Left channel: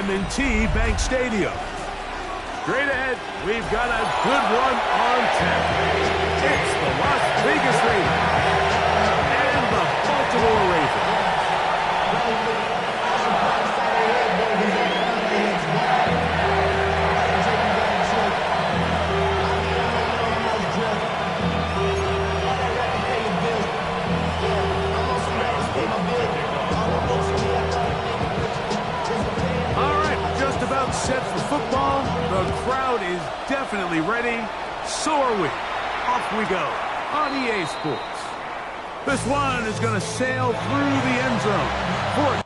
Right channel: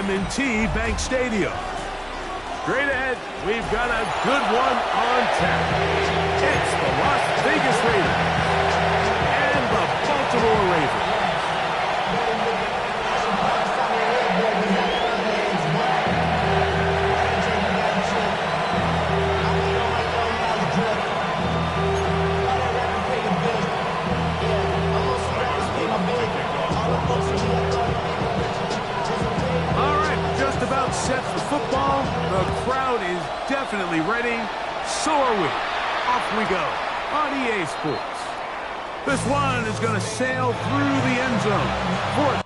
M&T Bank Stadium. Straight ahead, we've got a good one on tap. It's the Las Vegas Raiders and the Baltimore Ravens. All right, just about set for football. The crowd is definitely ready. So are we. Off we go on EA Sports. This one is going to sail through the end zone. For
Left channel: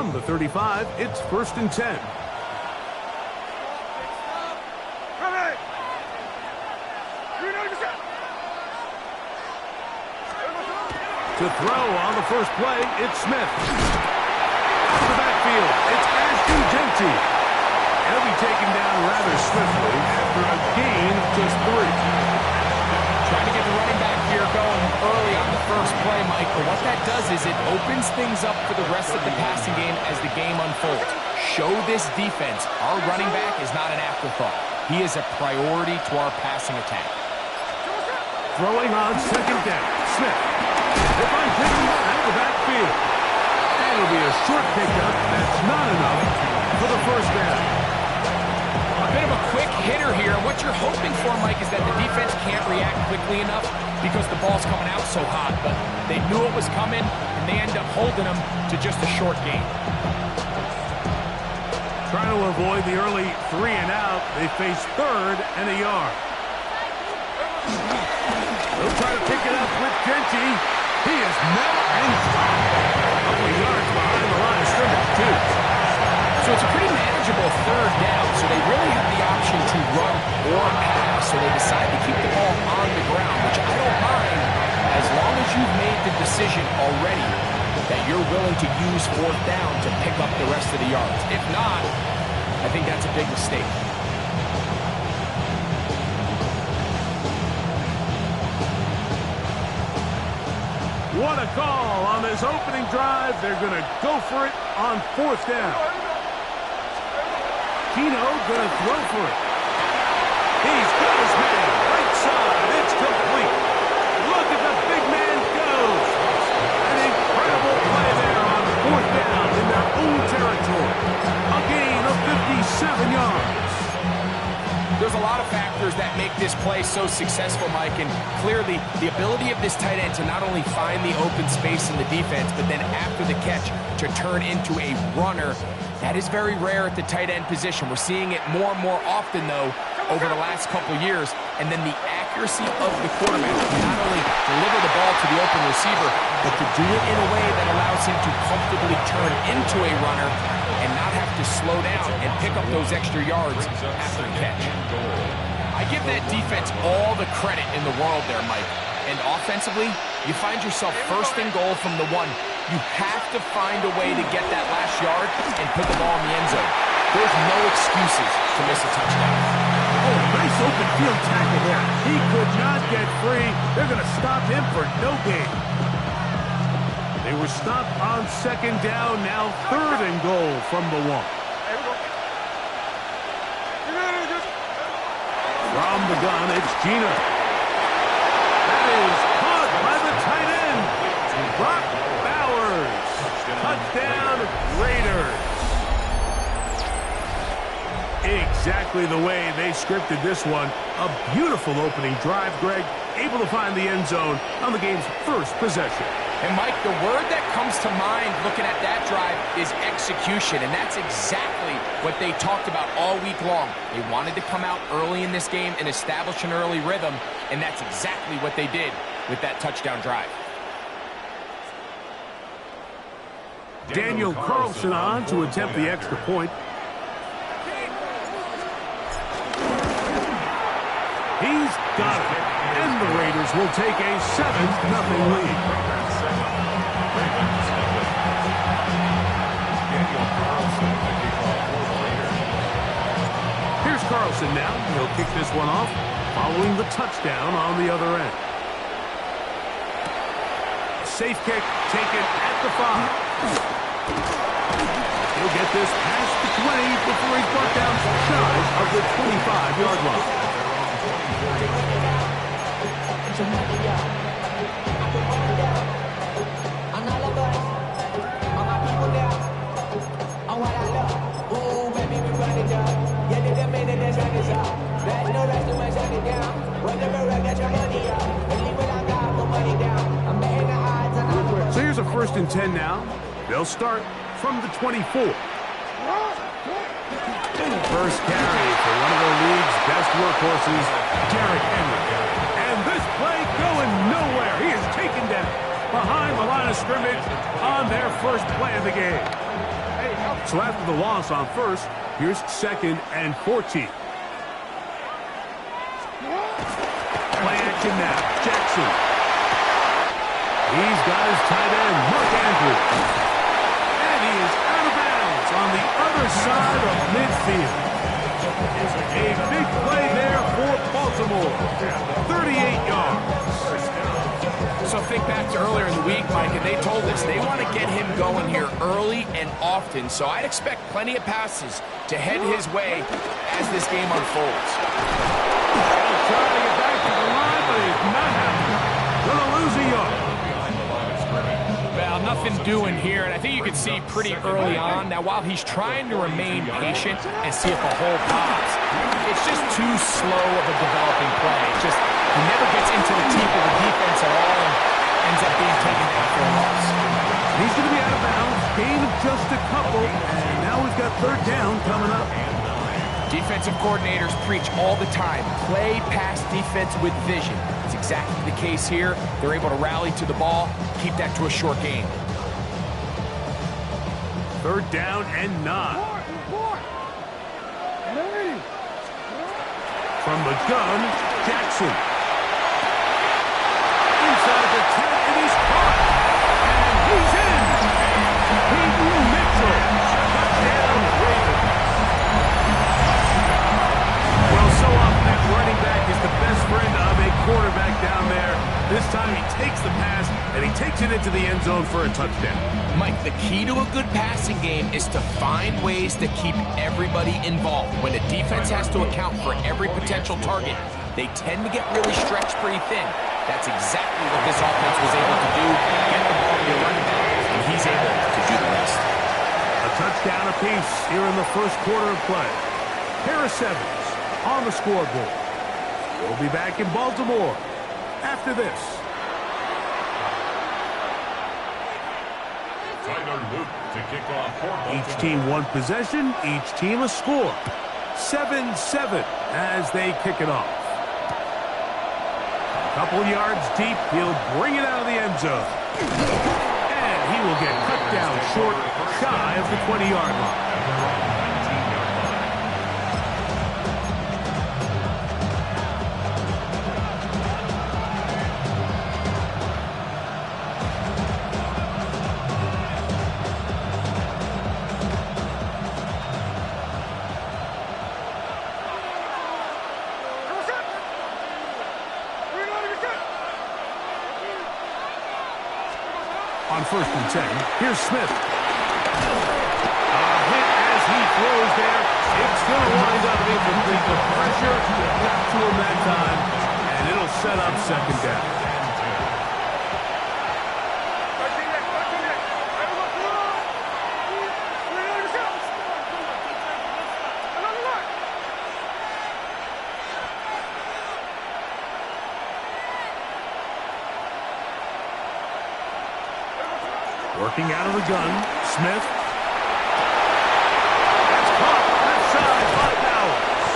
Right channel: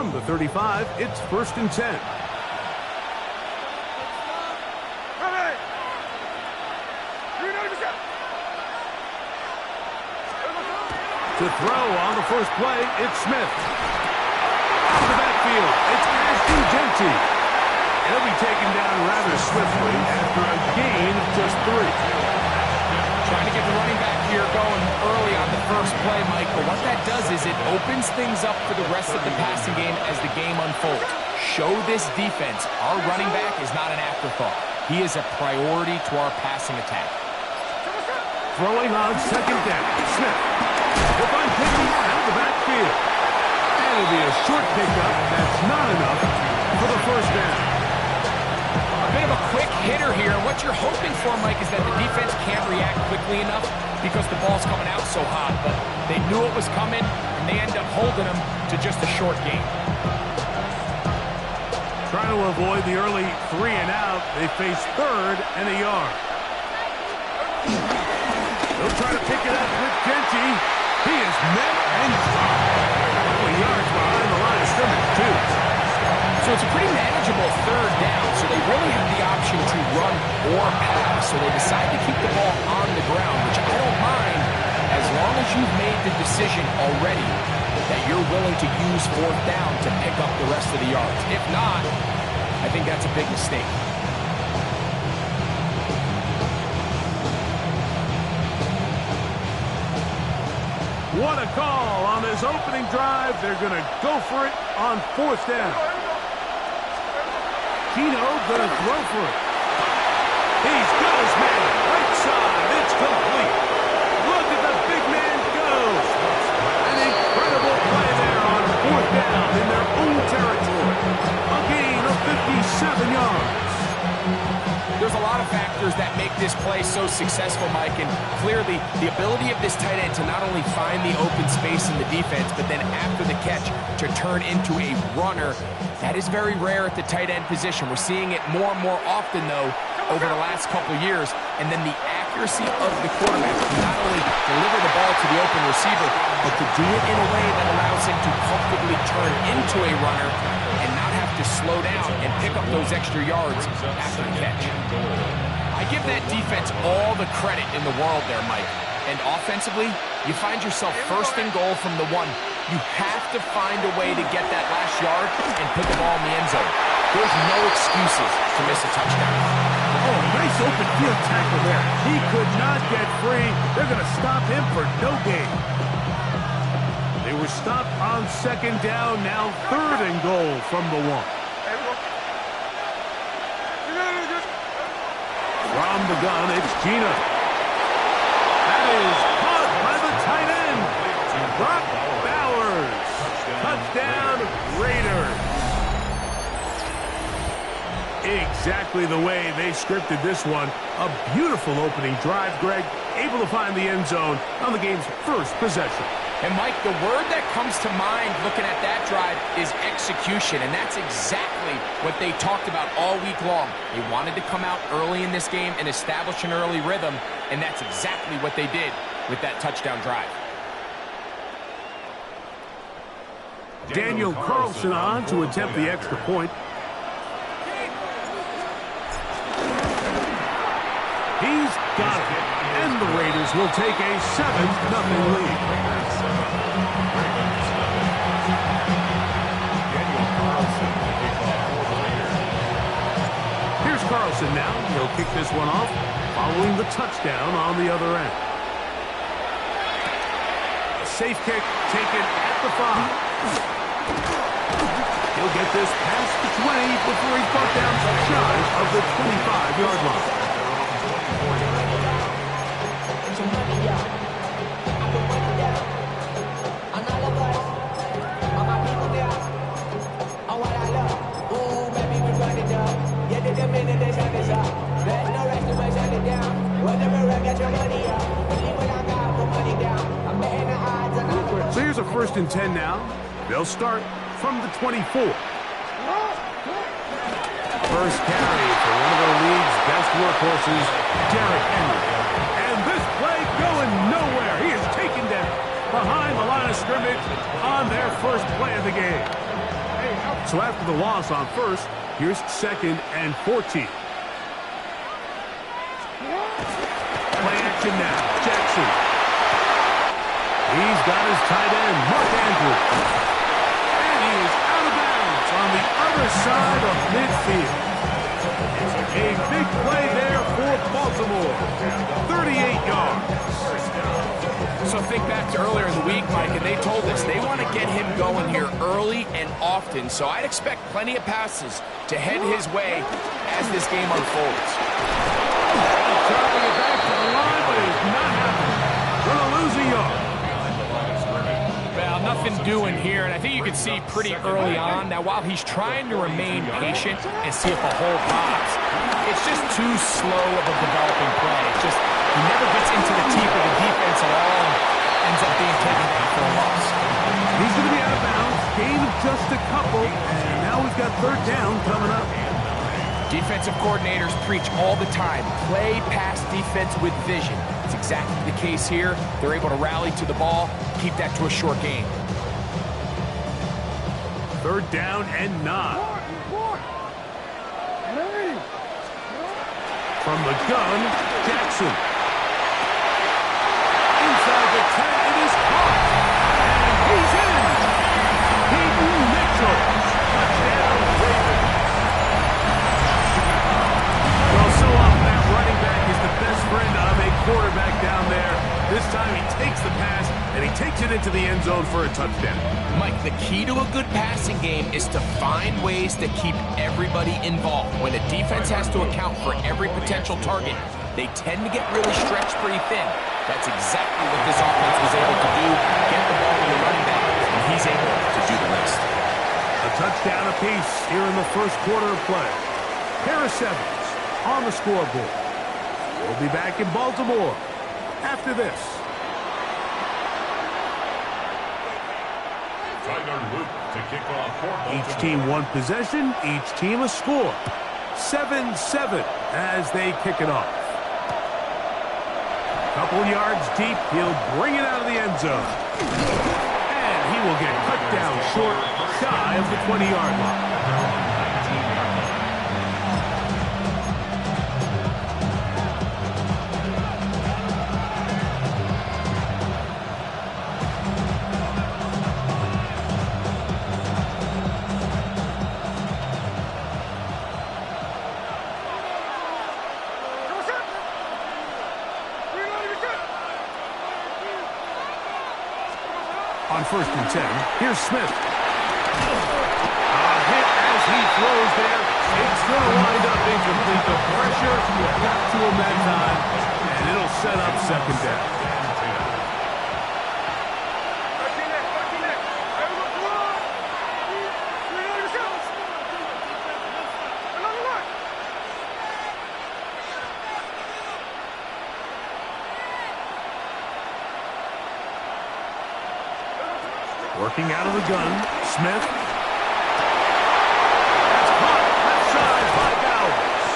from the 35, it's 1st and 10. To throw on the first play, it's Smith. Out of the backfield, it's Ashton Genty. He'll be taken down rather swiftly after a gain of just 3. Trying to get the running back here going early on the first play, Mike. But what that does is it opens things up for the rest of the passing game as the game unfolds. Show this defense our running back is not an afterthought. He is a priority to our passing attack. Throwing on 2nd down, Smith. He'll find Pickens out of the backfield. And it'll be a short pickup that's not enough for the 1st down. A bit of a quick hitter here. And what you're hoping for, Mike, is that the defense can't react quickly enough because the ball's coming out so hot. But they knew it was coming, and they end up holding them to just a short gain. Trying to avoid the early 3 and out, they face 3rd and a yard. They'll try to pick it up with Genty. He is met and dropped. A couple of yards behind the line of scrimmage, too. So it's a pretty manageable 3rd down, so they really have the option to run or pass. So they decide to keep the ball on the ground, which I don't mind as long as you've made the decision already that you're willing to use 4th down to pick up the rest of the yards. If not, I think that's a big mistake. What a call on this opening drive. They're going to go for it on 4th down. Keno going to throw for it. He's got his man. Right side. It's complete. Look at the big man go. An incredible play there on 4th down in their own territory. A gain of 57 yards. There's a lot of factors that make this play so successful, Mike, and clearly the ability of this tight end to not only find the open space in the defense, but then after the catch to turn into a runner. That is very rare at the tight end position. We're seeing it more and more often, though, over the last couple years. And then the accuracy of the quarterback to not only deliver the ball to the open receiver, but to do it in a way that allows him to comfortably turn into a runner and not have to slow down and pick up those extra yards after the catch. I give that defense all the credit in the world there, Mike. And offensively, you find yourself 1st and goal from the 1. You have to find a way to get that last yard and put the ball in the end zone. There's no excuses to miss a touchdown. Oh, nice open field tackle there. He could not get free. They're going to stop him for no gain. They were stopped on second down, now third and goal from the 1. From the gun, it's Gina. That is caught by the tight end, Brock Bowers. Touchdown, Raiders. Exactly the way they scripted this one. A beautiful opening drive, Greg. Able to find the end zone on the game's first possession. And, Mike, the word that comes to mind looking at that drive is execution, and that's exactly what they talked about all week long. They wanted to come out early in this game and establish an early rhythm, and that's exactly what they did with that touchdown drive. Daniel Carlson on to attempt the extra point. He's got it. And the Raiders will take a 7-0 lead. Here's Carlson now. He'll kick this one off, following the touchdown on the other end. A safe kick taken at the 5. He'll get this past the 20 before he's brought down shy of the 25-yard line. So here's a 1st and 10 now. They'll start from the 24. First carry for one of the league's best workhorses, Derrick Henry. And this play going nowhere. He is taken down behind the line of scrimmage on their first play of the game. So after the loss on first, here's 2nd and 14. Play action now. Jackson. He's got his tight end, Mark Andrews. And he is out of bounds on the other side of midfield. A big play there for Baltimore. 38 yards. So think back to earlier in the week, Mike, and they told us they want to get him going here early and often. So I'd expect plenty of passes to head his way as this game unfolds. He'll try to get back to the line, but it's not happening. Gonna lose a yard. Well, nothing doing here, and I think you can see pretty early on. Now, while he's trying to remain patient and see if a hole pops, it's just too slow of a developing play. It's just he never gets into the teeth of the defense at all and ends up being taken down for a loss. He's going to be out of bounds. Gain of just a couple, and now we've got 3rd down coming up. Defensive coordinators preach all the time, play pass defense with vision. It's exactly the case here. They're able to rally to the ball, keep that to a short game. 3rd down and 9. From the gun, Jackson. Inside the 10, it is caught. And he's in. Peyton Mitchell. Touchdown, Ravens. Well, so often that running back is the best friend of a quarterback down there. This time he takes the pass, and he takes it into the end zone for a touchdown. Mike, the key to a good passing game is to find ways to keep everybody involved. When a defense has to account for every potential target, they tend to get really stretched pretty thin. That's exactly what this offense was able to do. Get the ball to your running back, and he's able to do the rest. A touchdown apiece here in the first quarter of play. Harris Evans on the scoreboard. We'll be back in Baltimore after this. Each team one possession, each team a score. 7-7 as they kick it off. Couple yards deep, he'll bring it out of the end zone. And he will get cut down short, shy of the 20-yard line. On first and 10. Here's Smith. A hit as he throws there. It's going to wind up incomplete. The pressure got to him that time, and it'll set up second down. Working out of the gun, Smith. That's caught left side by Bowers.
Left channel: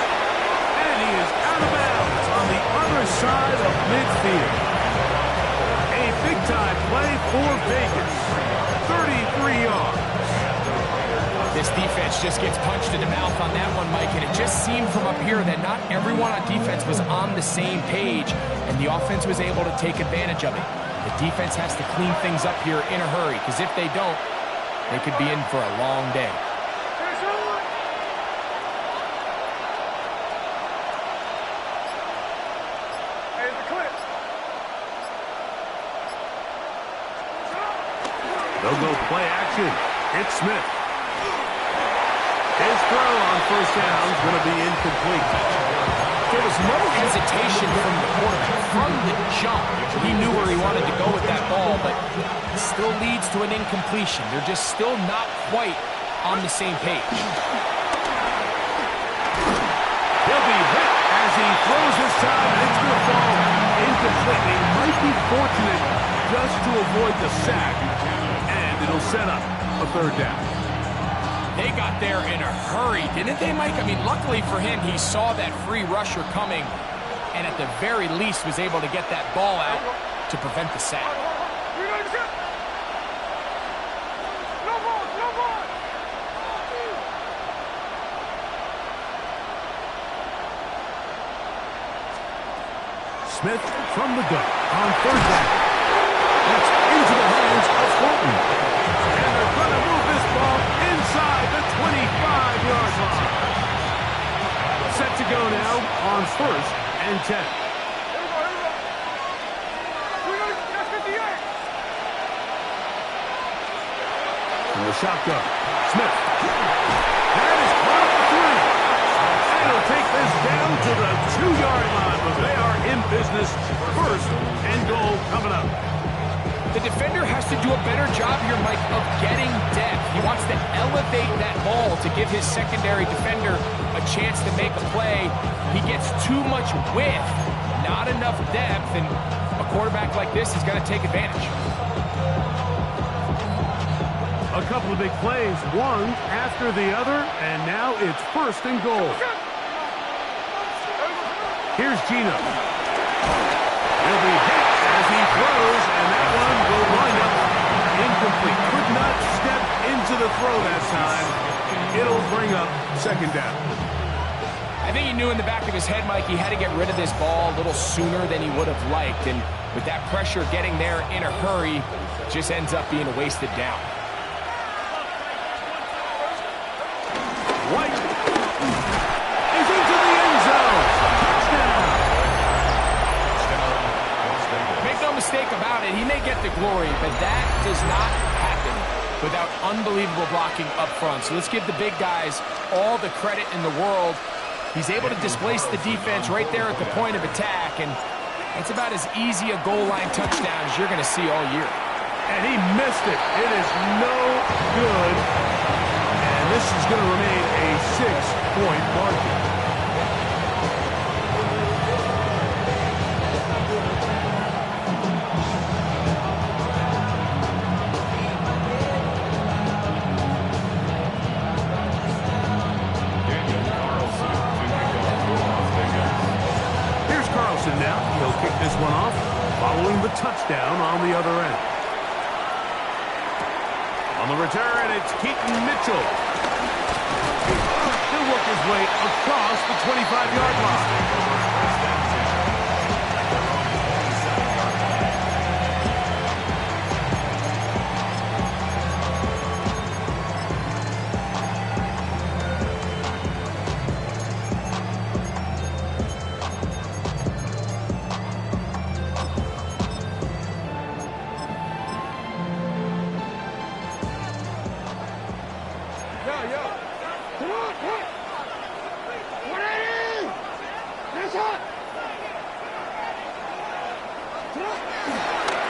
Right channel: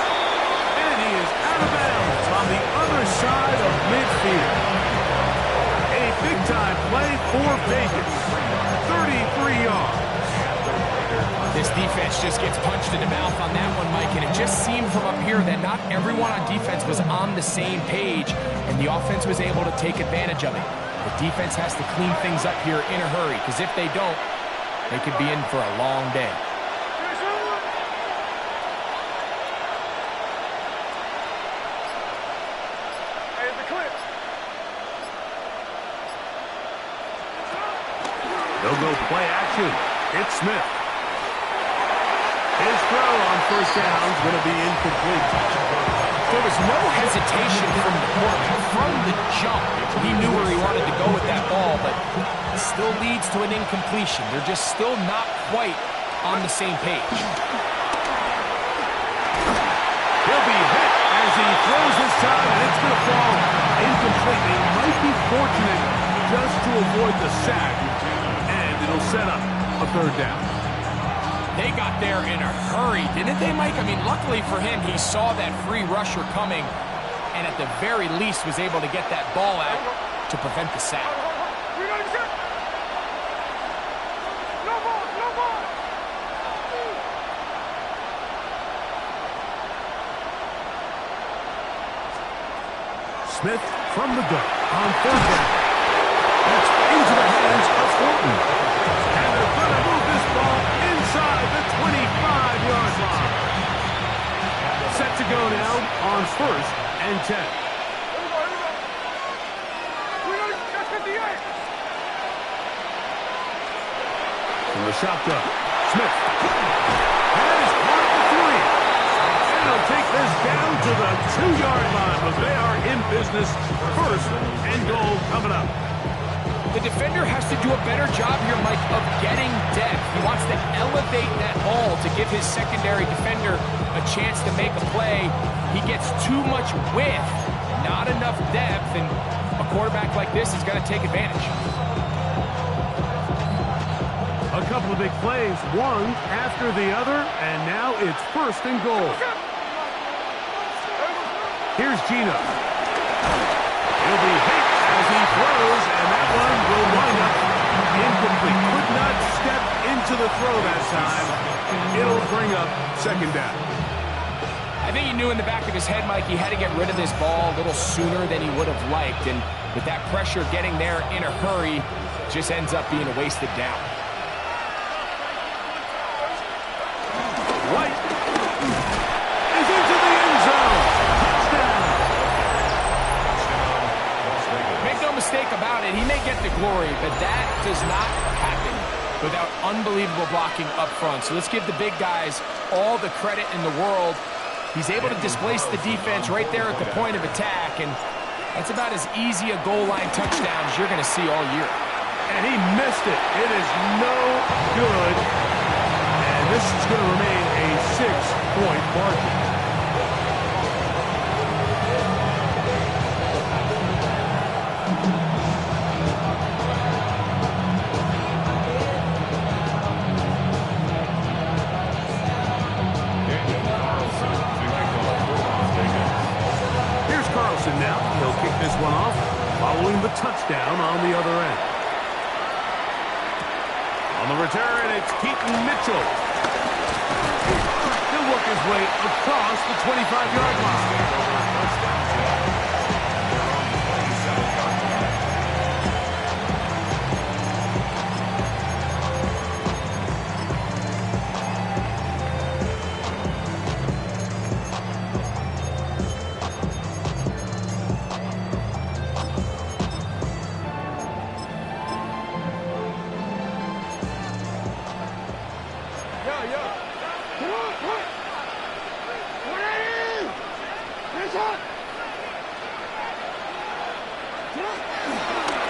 And he is out of bounds on the other side of midfield. A big-time play for Vegas. 33 yards. This defense just gets punched in the mouth on that one, Mike, and it just seemed from up here that not everyone on defense was on the same page, and the offense was able to take advantage of it. The defense has to clean things up here in a hurry, because if they don't, they could be in for a long day. They'll go play action. It's Smith. His throw on first down is going to be incomplete. There was no hesitation from the quarterback. From the jump, he knew where he wanted to go with that ball, but it still leads to an incompletion. They're just still not quite on the same page. He'll be hit as he throws this time, and it's going to fall incomplete. He might be fortunate just to avoid the sack, and it'll set up a third down. They got there in a hurry, didn't they, Mike? I mean, luckily for him, he saw that free rusher coming, and at the very least was able to get that ball out to prevent the sack. Smith from the gun on third down. That's into the hands of Thornton. And they're going to move this ball inside the 25-yard line. Set to go now on first and 10. From the shotgun, Smith. That is caught at the 3. And he'll take this down to the 2-yard line, but they are in business. First and goal coming up. The defender has to do a better job here, Mike, of getting depth. He wants to elevate that ball to give his secondary defender a chance to make a play. He gets too much width, not enough depth, and a quarterback like this is going to take advantage. A couple of big plays, one after the other, and now it's first and goal. Here's Gino. He'll be hit as he throws, and that one will wind up incomplete. Could not step into the throw that time. It'll bring up second down. I think he knew in the back of his head, Mike, he had to get rid of this ball a little sooner than he would have liked, and with that pressure getting there in a hurry, it just ends up being a wasted down. White is into the end zone. Touchdown. Make no mistake about it, he may get the glory, but that does not happen without unbelievable blocking up front. So let's give the big guys all the credit in the world. He's able to displace the defense right there at the point of attack, and that's about as easy a goal line touchdown as you're going to see all year. And he missed it. It is no good. And this is going to remain a 6-point margin. Here's Carlson now. He'll kick this one off, following the touchdown on the other end. On the return, it's Keaton Mitchell. He'll work his way across the 25-yard line.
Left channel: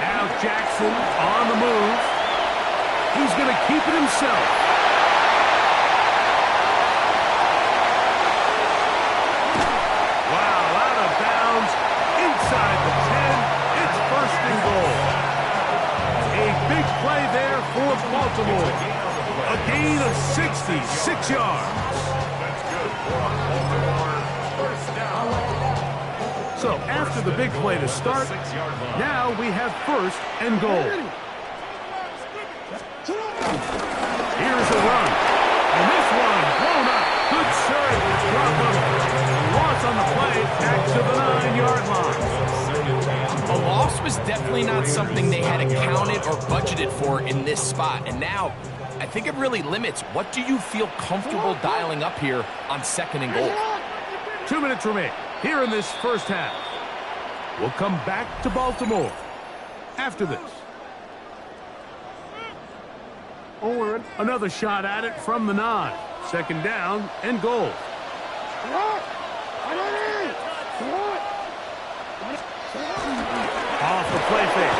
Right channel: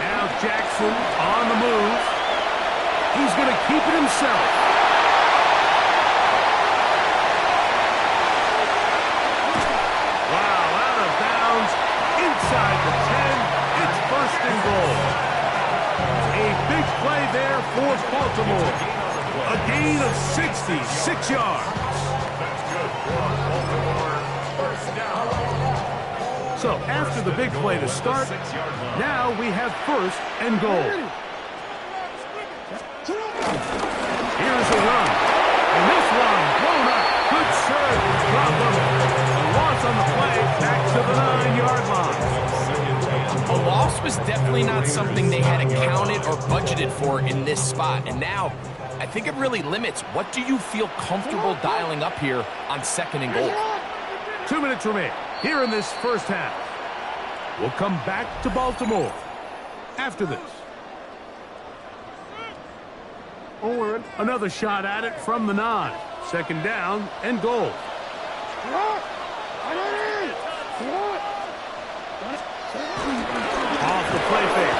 Now Jackson on the move. He's going to keep it himself. Wow, out of bounds, inside the 10. It's first and goal. A big play there for Baltimore. A gain of 66 yards. That's good for Baltimore. First down. So after the big play to start, now we have first and goal. Here's a run. And this one blown up. Good serve. Drop him. A loss on the play. Back to the 9-yard line. A loss was definitely not something they had accounted or budgeted for in this spot. And now, I think it really limits. What do you feel comfortable dialing up here on second and goal? 2 minutes remain here in this first half. We'll come back to Baltimore after this. Another shot at it from the 9. Second down and goal. Off the play fake.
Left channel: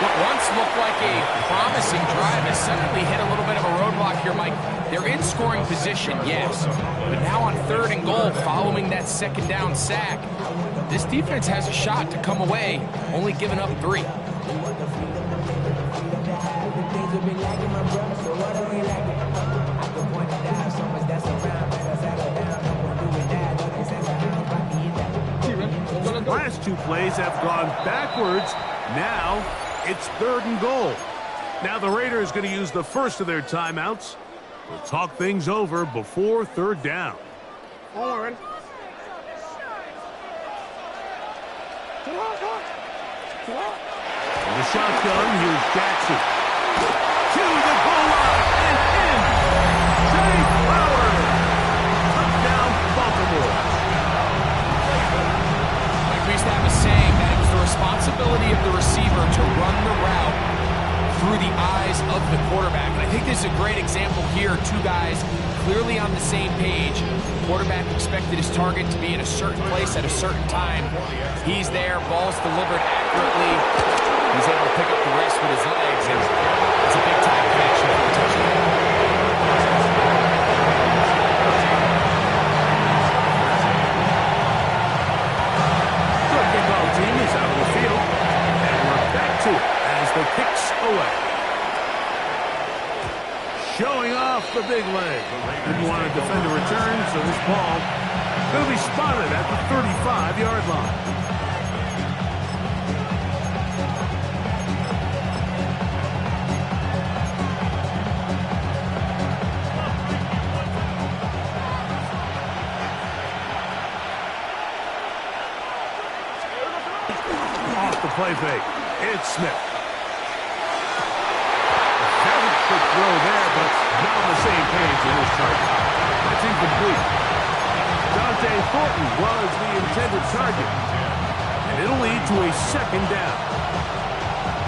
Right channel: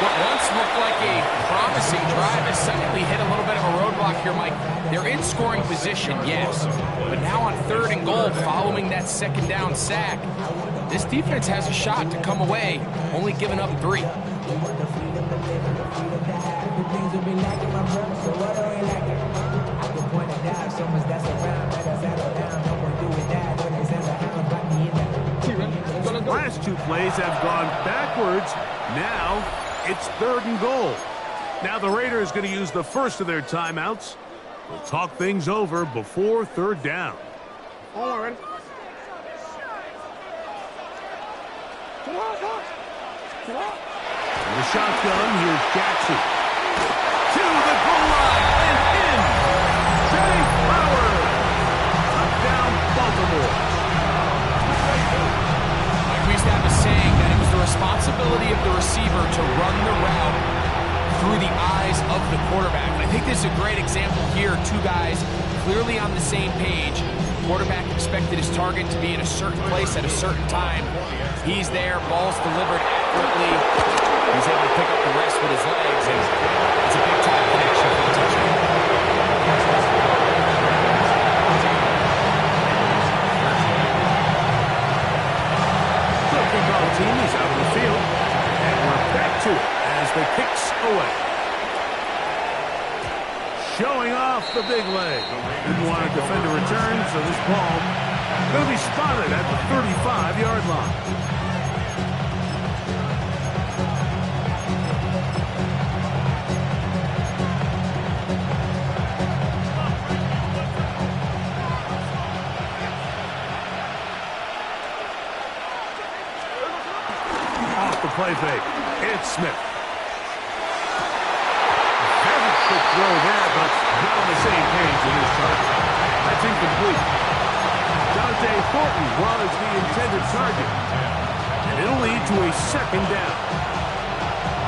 What once looked like a promising drive has suddenly hit a little bit of a roadblock here, Mike. They're in scoring position, yes. But now on third and goal, following that second down sack, this defense has a shot to come away, only giving up 3. Last 2 plays have gone backwards. Now it's third and goal. Now the Raiders going to use the first of their timeouts. We'll talk things over before third down. In the shotgun, here's Jackson. To the goal line and in. Zay Flowers. Touchdown, Baltimore. We used to have a saying that it was the responsibility of the receiver to run the route through the eyes of the quarterback. And I think this is a great example here. 2 guys clearly on the same page. Quarterback expected his target to be in a certain place at a certain time. He's there, ball's delivered accurately. He's able to pick up the rest with his legs, and it's a big-time connection for the touchdown. Kickoff team is out of the field, and we're back to it as the kick's away. Showing off the big leg. Didn't want to defend a return, so this ball going to be spotted at the 35-yard line. Off the play fake. It's Smith. Very quick throw there, but not on the same page in this target. That's incomplete. Dante Thornton was the intended target. And it'll lead to a second down.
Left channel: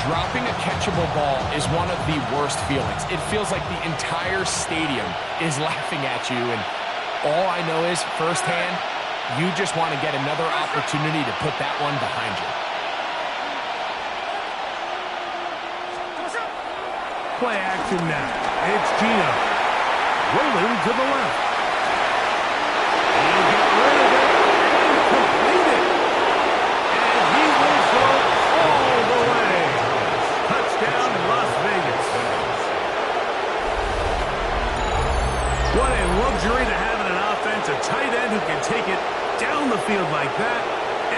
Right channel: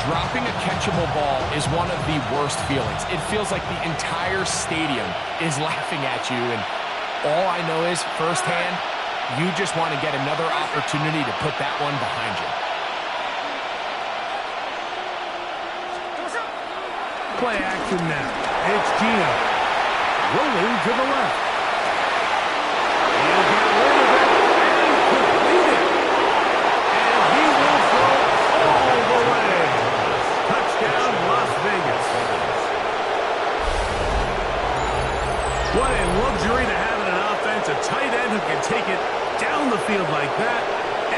Dropping a catchable ball is one of the worst feelings. It feels like the entire stadium is laughing at you, and all I know is, firsthand, you just want to get another opportunity to put that one behind you. Play action now. It's Gino. Rolling to the left. He'll get rid of it and complete it. And he will go all the way. Touchdown, Las Vegas. What a luxury to have in an offense. A tight end who can take it down the field like that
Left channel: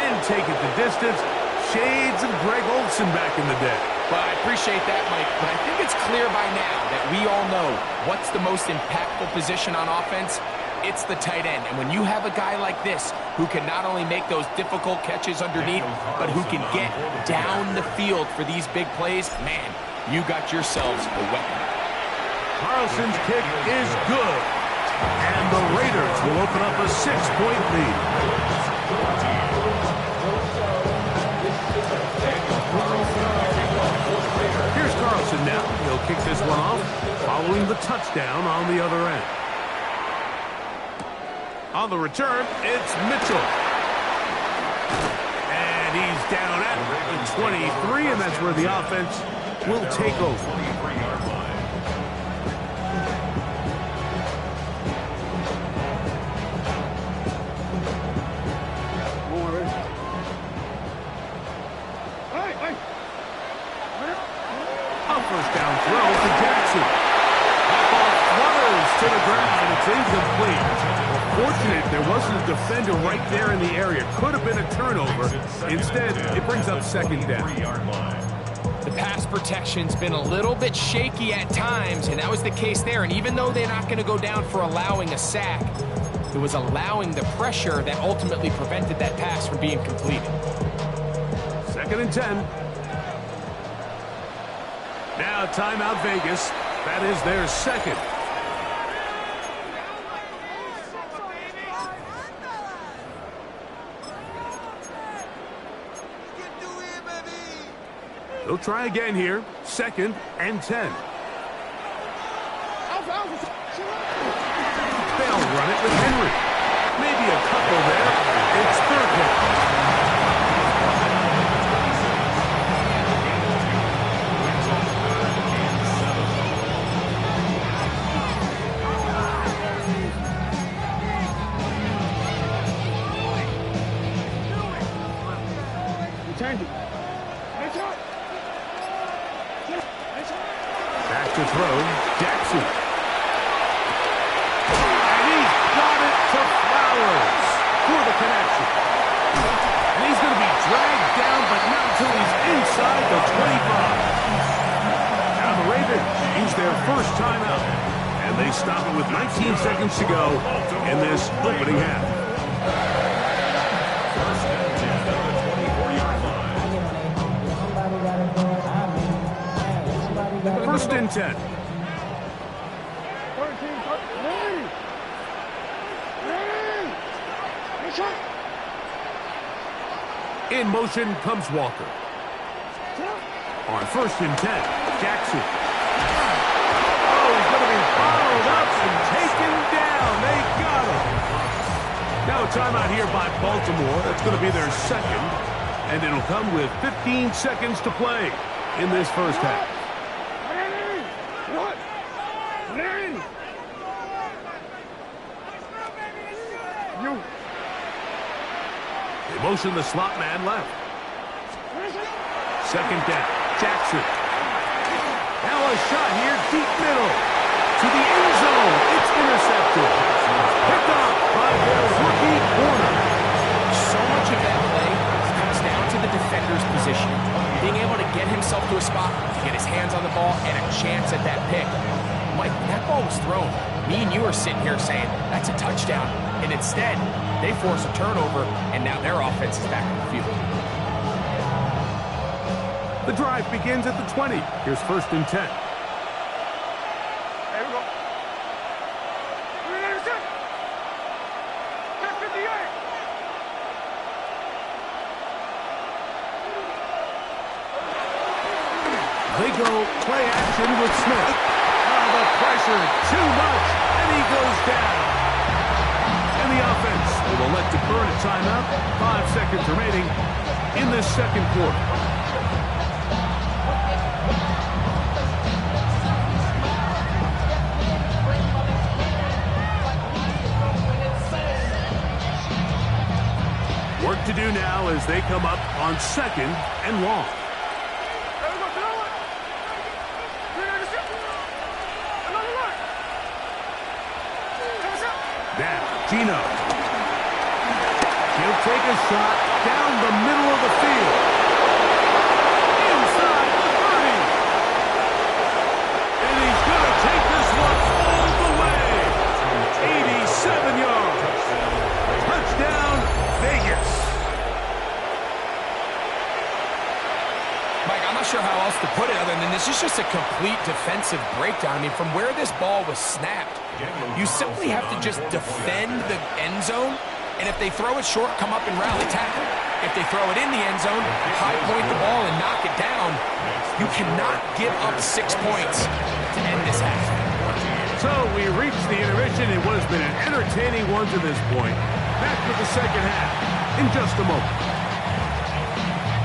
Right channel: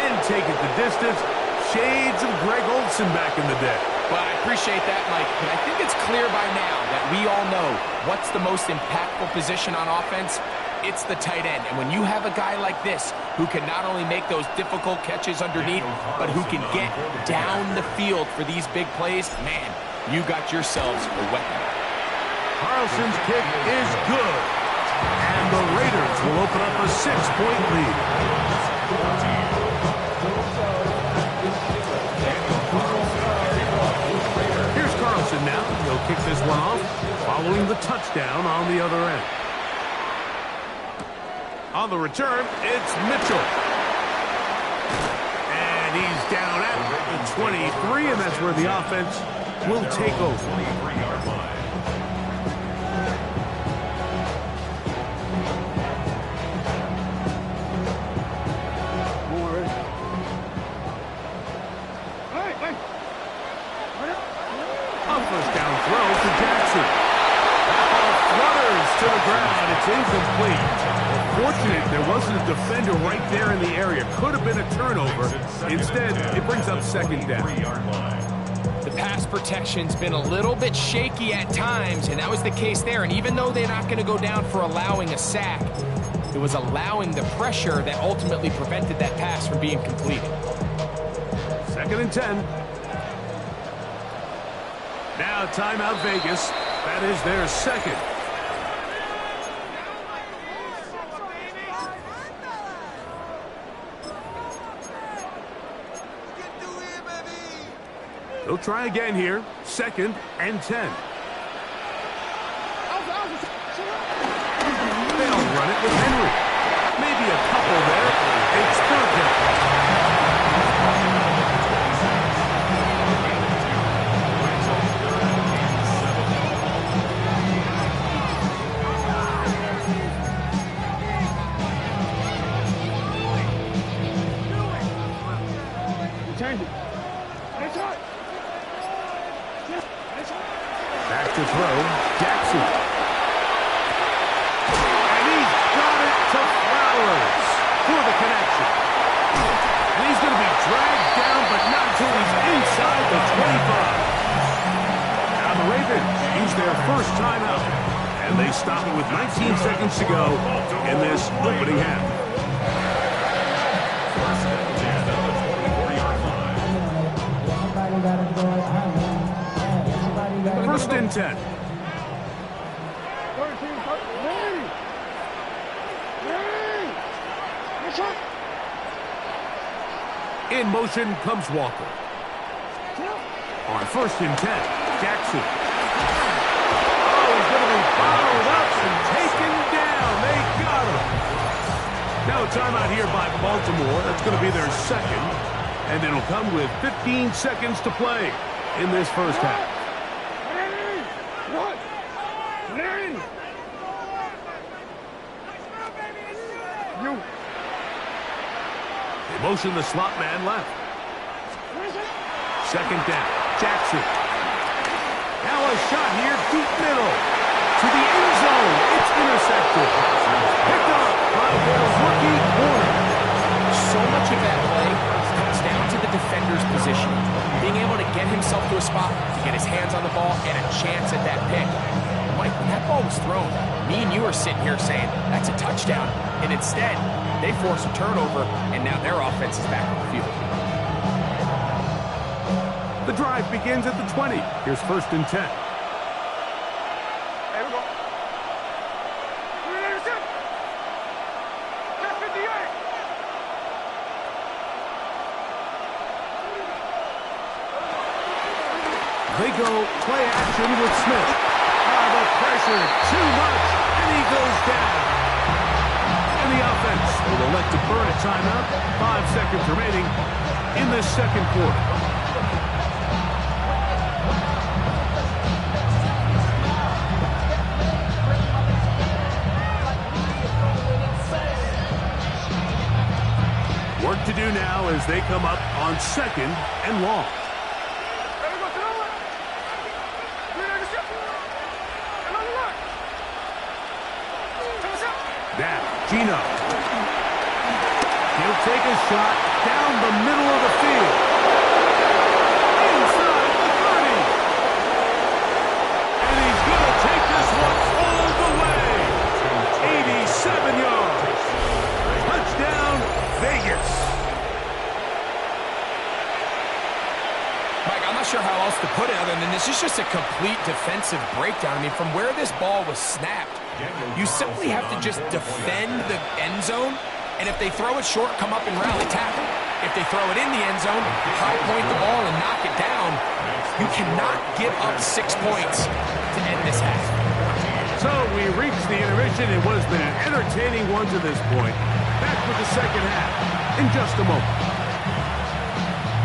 and take it the distance. Shades of Greg Olsen back in the day. Well, I appreciate that, Mike, but I think it's clear by now that we all know what's the most impactful position on offense. It's the tight end. And when you have a guy like this who can not only make those difficult catches underneath, but who can get down the field for these big plays, man, you got yourselves a weapon. Carlson's kick is good. And the Raiders will open up a 6-point lead. Here's Carlson Johnson now. He'll kick this one off, following the touchdown on the other end. On the return, it's Mitchell. And he's down at the 23, and that's where the offense will take over. 23-yard line. A first down throw for Jackson. That ball flutters to the ground. It's incomplete. Well, fortunate there wasn't a defender right there in the area. Could have been a turnover. Instead, it brings up second down. The pass protection's been a little bit shaky at times, and that was the case there. And even though they're not going to go down for allowing a sack, it was allowing the pressure that ultimately prevented that pass from being completed. 2nd and 10. Now timeout Vegas. That is their second. They'll try again here. 2nd and 10. They'll run it with Henry. Maybe a couple there. It's 3rd down. Back to throw, Jackson. And he's got it to Flowers for the connection. And he's going to be dragged down, but not until he's inside the 25. Now the Ravens use their first timeout, and they stop it with 19 seconds to go in this opening half. First and 10 on the 24-yard line. 1st and 10. In motion comes Walker. On 1st and 10, Jackson. Oh, he's going to be bottled up and taken down. They got him. Now a timeout here by Baltimore. That's going to be their second. And it'll come with 15 seconds to play in this first half. They motion the slot man left. 2nd down, Jackson. Now a shot here, deep middle. To the end zone, it's intercepted. Picked up by their rookie corner. So much of that play comes down to the defender's positioning. Being able to get himself to a spot, to get his hands on the ball, and a chance at that pick. Mike, when that ball was thrown, me and you are sitting here saying, that's a touchdown. And instead, they force a turnover, and now their offense is back on the field. The drive begins at the 20. Here's 1st and 10. Here we go. They go play action with Smith. The pressure, too much, and he goes down. And the offense will elect to burn a timeout. 5 seconds remaining in this second quarter. Work to do now as they come up on 2nd and long. Now, Gino. He'll take a shot down the middle of the field. Inside the 30. And he's going to take this one all the way. 87 yards. Touchdown, Vegas. Mike, I'm not sure how else to put it other than this is just a complete defensive breakdown. I mean, from where this ball was snapped, you simply have to just defend the end zone And if they throw it short, come up and rally tackle. If they throw it in the end zone, high point the ball and knock it down. You cannot give up 6 points to end this half. So we reached the intermission in what has been an entertaining one to this point. Back with the second half in just a moment.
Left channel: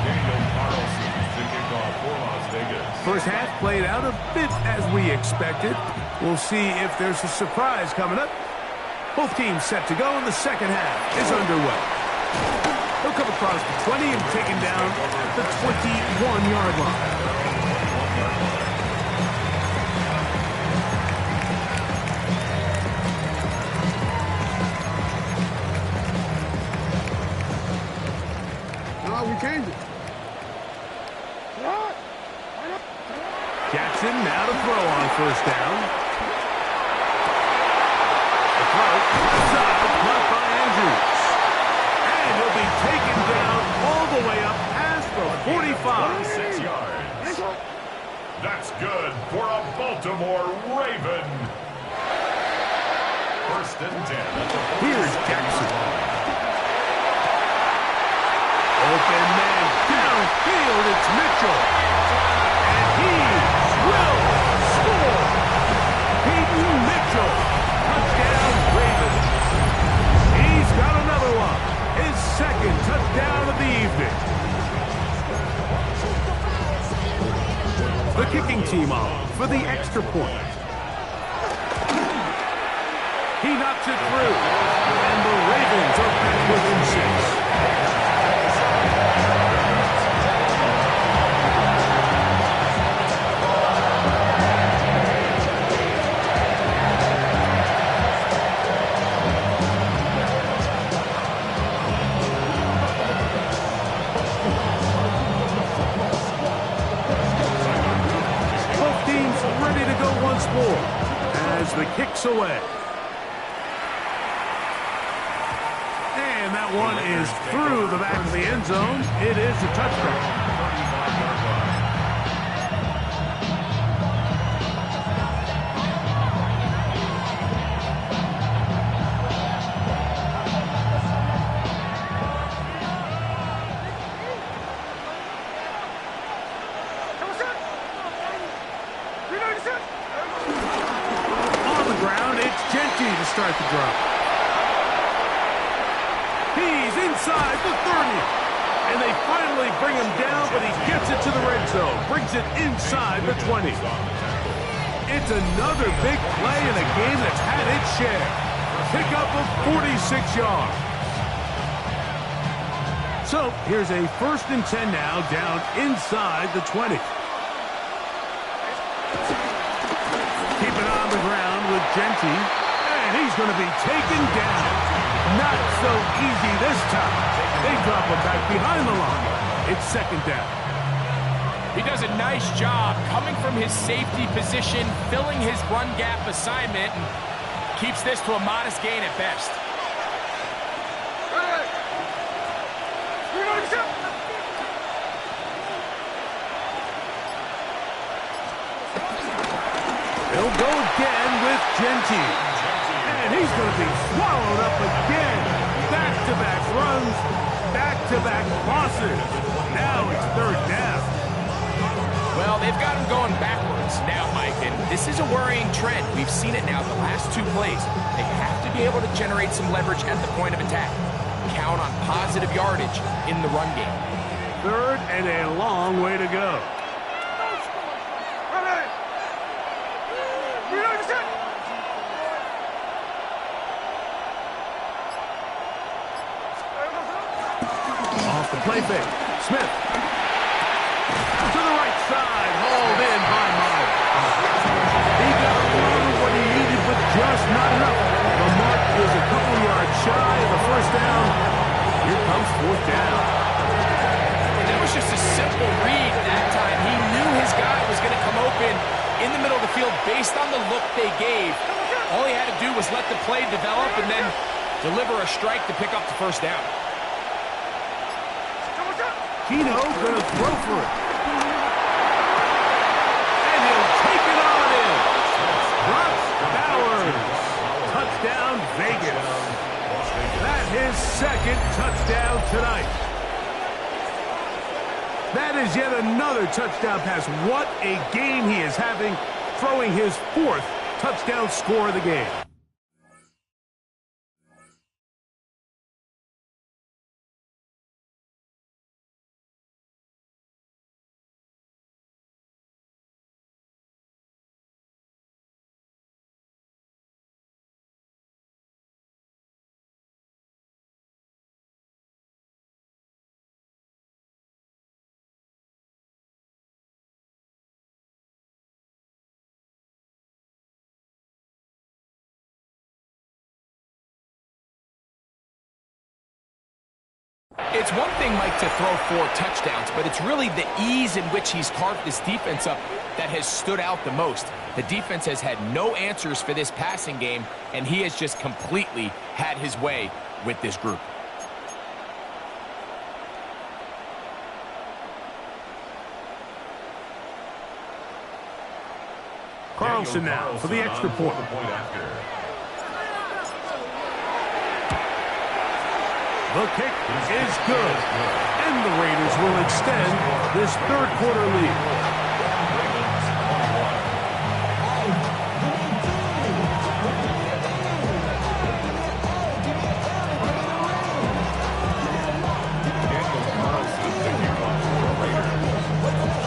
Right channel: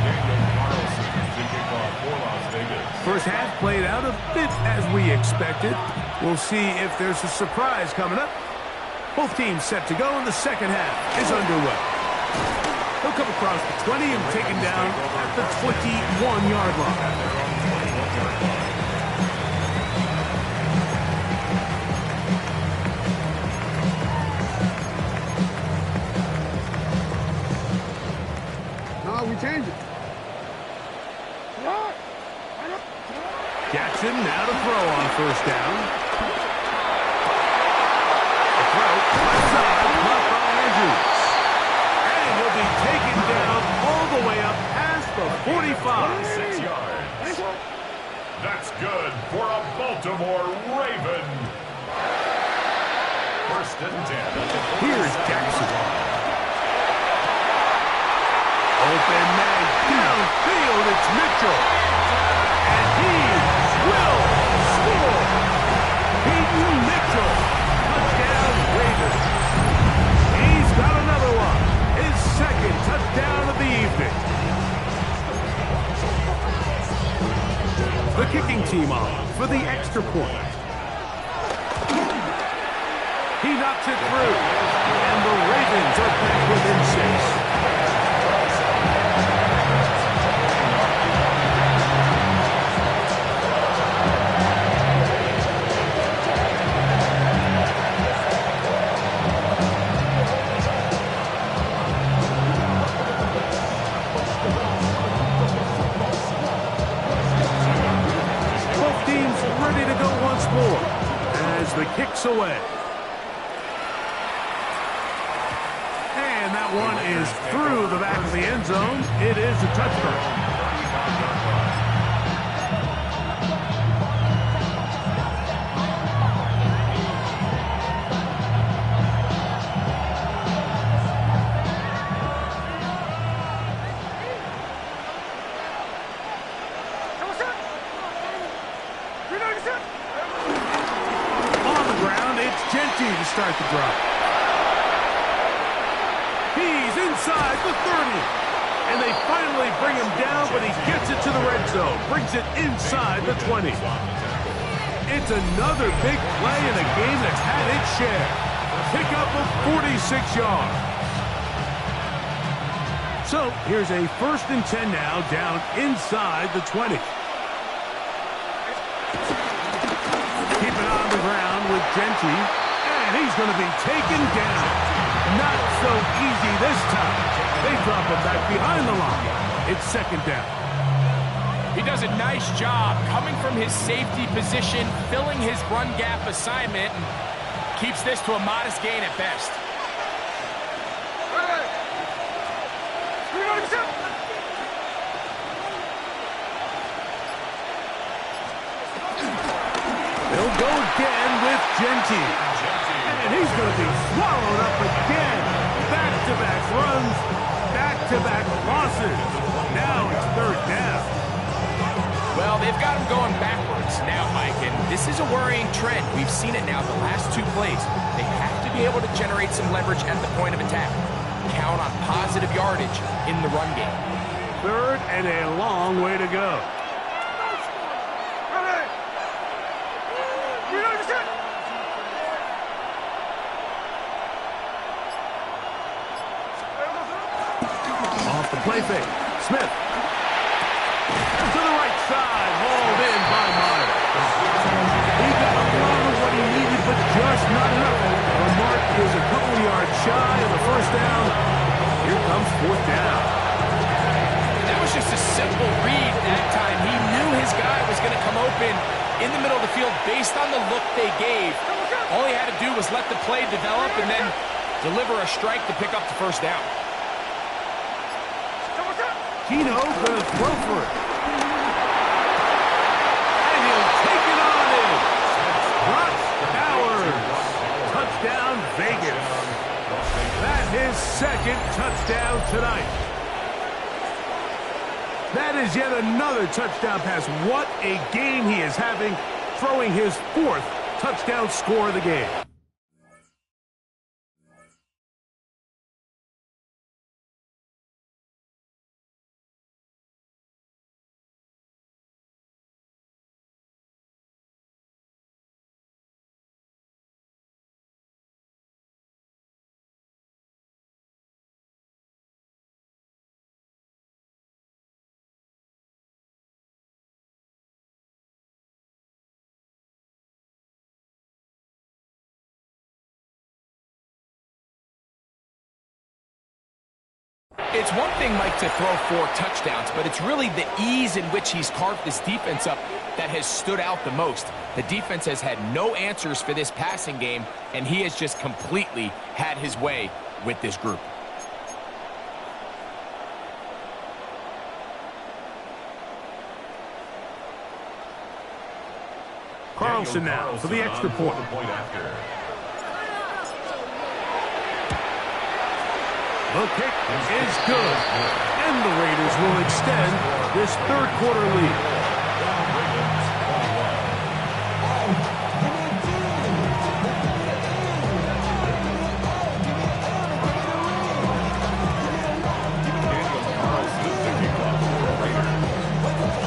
Daniel Carlson to kick off for Las Vegas. First half played out a bit as we expected. We'll see if there's a surprise coming up. Both teams set to go, and the second half is underway. He'll come across the 20 and taken down at the 21-yard line. At their own 21-yard line. We changed it. Jackson now to throw on first down. The throw, left side, caught by Andrews. And he'll be taken down all the way up past the 45. 6 yards. That's good for a Baltimore Raven. First and 10 at the 47. Here's Jackson. Open man downfield, it's Mitchell. And he will score. Peyton Mitchell, touchdown Ravens. He's got another one. His second touchdown of the evening. The kicking team on for the extra point. He knocks it through. And the Ravens are back within 6. Ready to go once more as the kick's away. And that one is through the back of the end zone. It is a touchdown. To start the drop. He's inside the 30. And they finally bring him down, but he gets it to the red zone. Brings it inside the 20. It's another big play in a game that's had its share. Pickup of 46 yards. So here's a 1st and 10 now, down inside the 20. Keep it on the ground with Genty. And he's going to be taken down. Not so easy this time. They drop him back behind the line. It's 2nd down. He does a nice job coming from his safety position, filling his run gap assignment, and keeps this to a modest gain at best. He'll go again with Genty. And he's going to be swallowed up again. Back-to-back runs, back-to-back losses. Now it's 3rd down. Well, they've got him going backwards now, Mike, and this is a worrying trend. We've seen it now the last 2 plays. They have to be able to generate some leverage at the point of attack. Count on positive yardage in the run game. 3rd and a long way to go. Off the play fake. Smith. To the right side. Hauled in by Miles. He got a lot of what he needed, but just not enough. The mark is a couple yards shy of the 1st down. Here comes 4th down. And that was just a simple read that time. He knew his guy was going to come open in the middle of the field based on the look they gave. All he had to do was let the play develop and then deliver a strike to pick up the 1st down. Keno gonna throw for it. And he'll take it on in. Ross Bowers. Touchdown Vegas. That his second touchdown tonight. That is yet another touchdown pass. What a game he is having, throwing his 4th touchdown score of the game. It's one thing, Mike, to throw 4 touchdowns, but it's really the ease in which he's carved this defense up that has stood out the most. The defense has had no answers for this passing game, and he has just completely had his way with this group. Carlson now for the extra point. The kick is good, and the Raiders will extend this 3rd quarter lead. Ravens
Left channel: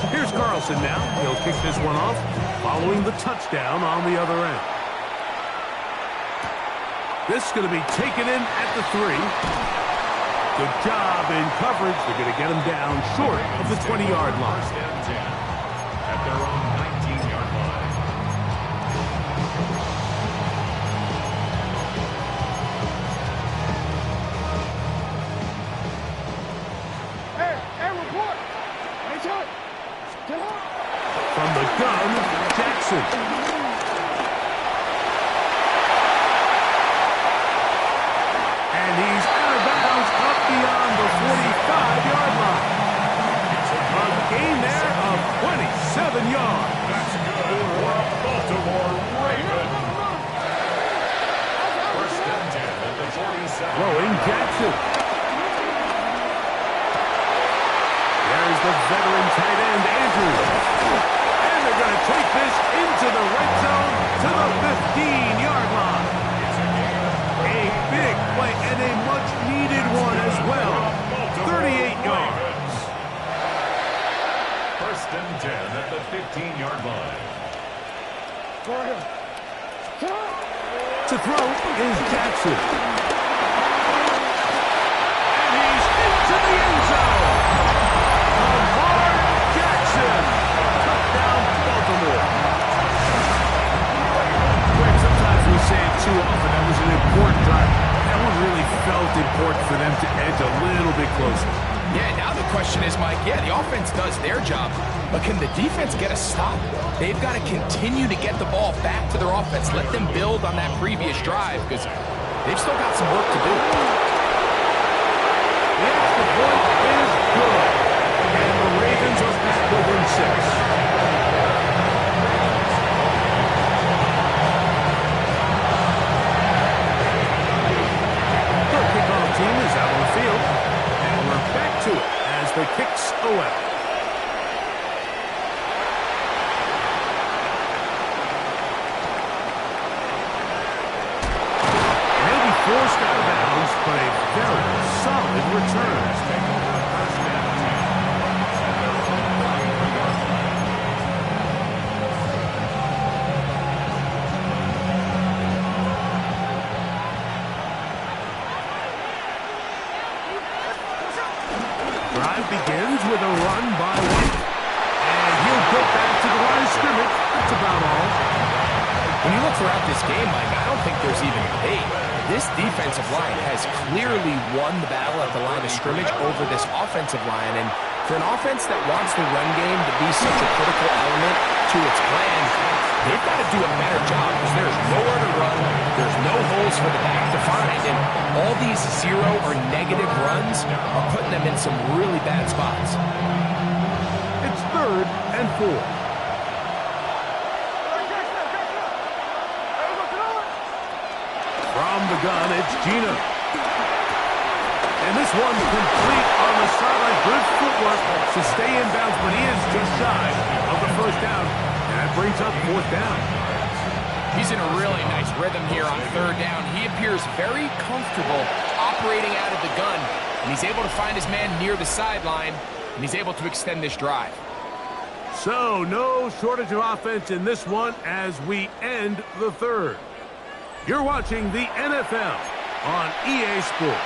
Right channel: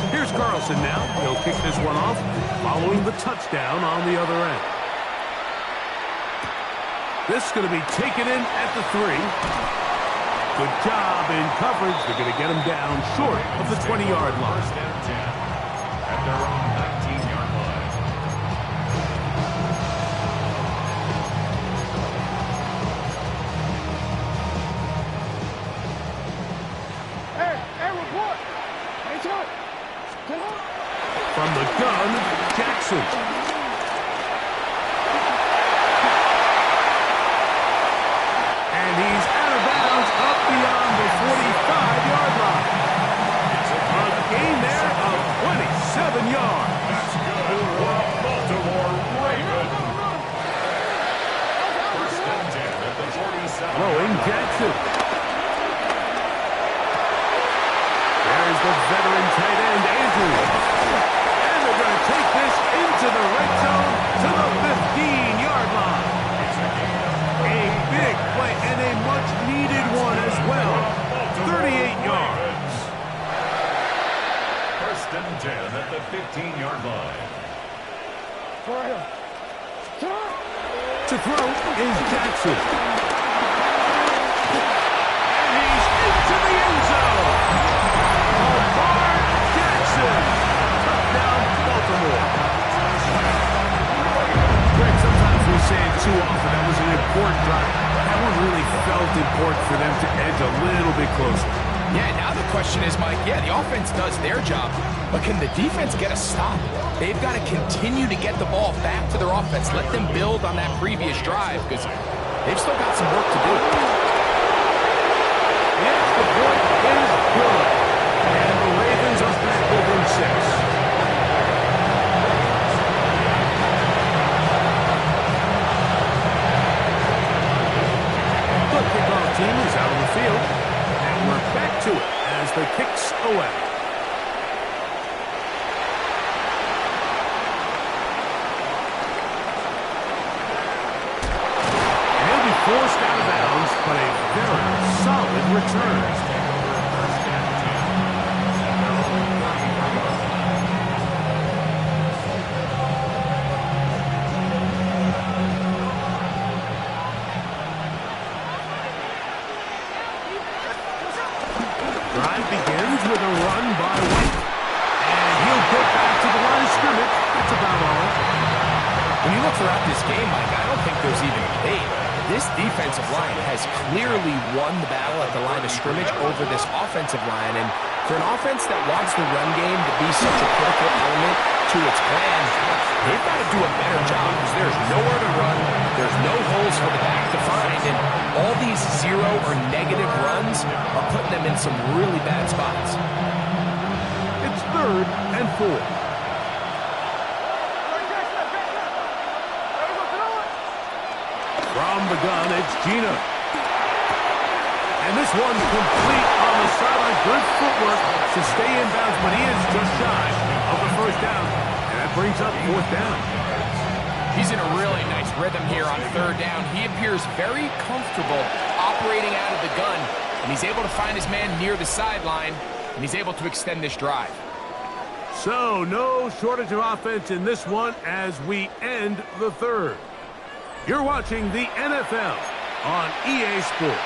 21. Here's Carlson now. He'll kick this one off, following the touchdown on the other end. This is going to be taken in at the 3. Good job in coverage. They're going to get him down short of the 20-yard line. First and 10 at their own 19-yard line. Hey, report! Hey, Chuck! Get up! From the gun, Jackson. And he's out of bounds up beyond the 45-yard line. A gain there of 27 yards. That's good for a Baltimore Raven. First and 10 at the 47. Throwing Jackson. There's the veteran tight end, Andrews. And they're going to take this into the red zone to the 15-yard line. A big play and a much-needed one as well. 38 yards. First and 10 at the 15-yard line. To throw is Jackson. And he's into the end zone. Lamar Jackson. Touchdown, Baltimore. Greg, sometimes we say it too often. That was an important drive. That one really felt important for them to edge a little bit closer. Yeah, now the question is, Mike, yeah, the offense does their job, but can the defense get a stop? They've got to continue to get the ball back to their offense. Let them build on that previous drive because they've still got some work to do. The extra point is good. And the Ravens are back within 6. Kickoff team is out on the field, and we're back to it as the kick's away. And he'll be forced out of bounds, but a very solid return. Take over first and 10 at their own 33-yard line. Drive begins with a run by White. And he'll go back to the line of scrimmage. That's about all. When you look throughout this game, Mike, I don't think there's even debate. This defensive line has clearly won the battle at the line of scrimmage over this offensive line. And for an offense that wants the run game to be such a critical element to its plan, they've got to do a better job because there's nowhere to run. There's no holes for the back to find. And all these 0 or negative runs are putting them in some really bad spots. It's 3rd and 4. From the gun, it's Gina. And this one's complete on the sideline. Good footwork to stay in bounds, but he is just shy of the first down. And that brings up fourth down. He's in a really nice rhythm here on third down. He appears very comfortable operating out of the gun, and he's able to find his man near the sideline, and he's able to extend this drive. So, no shortage of offense in this one as we end the third. You're watching the NFL on EA Sports.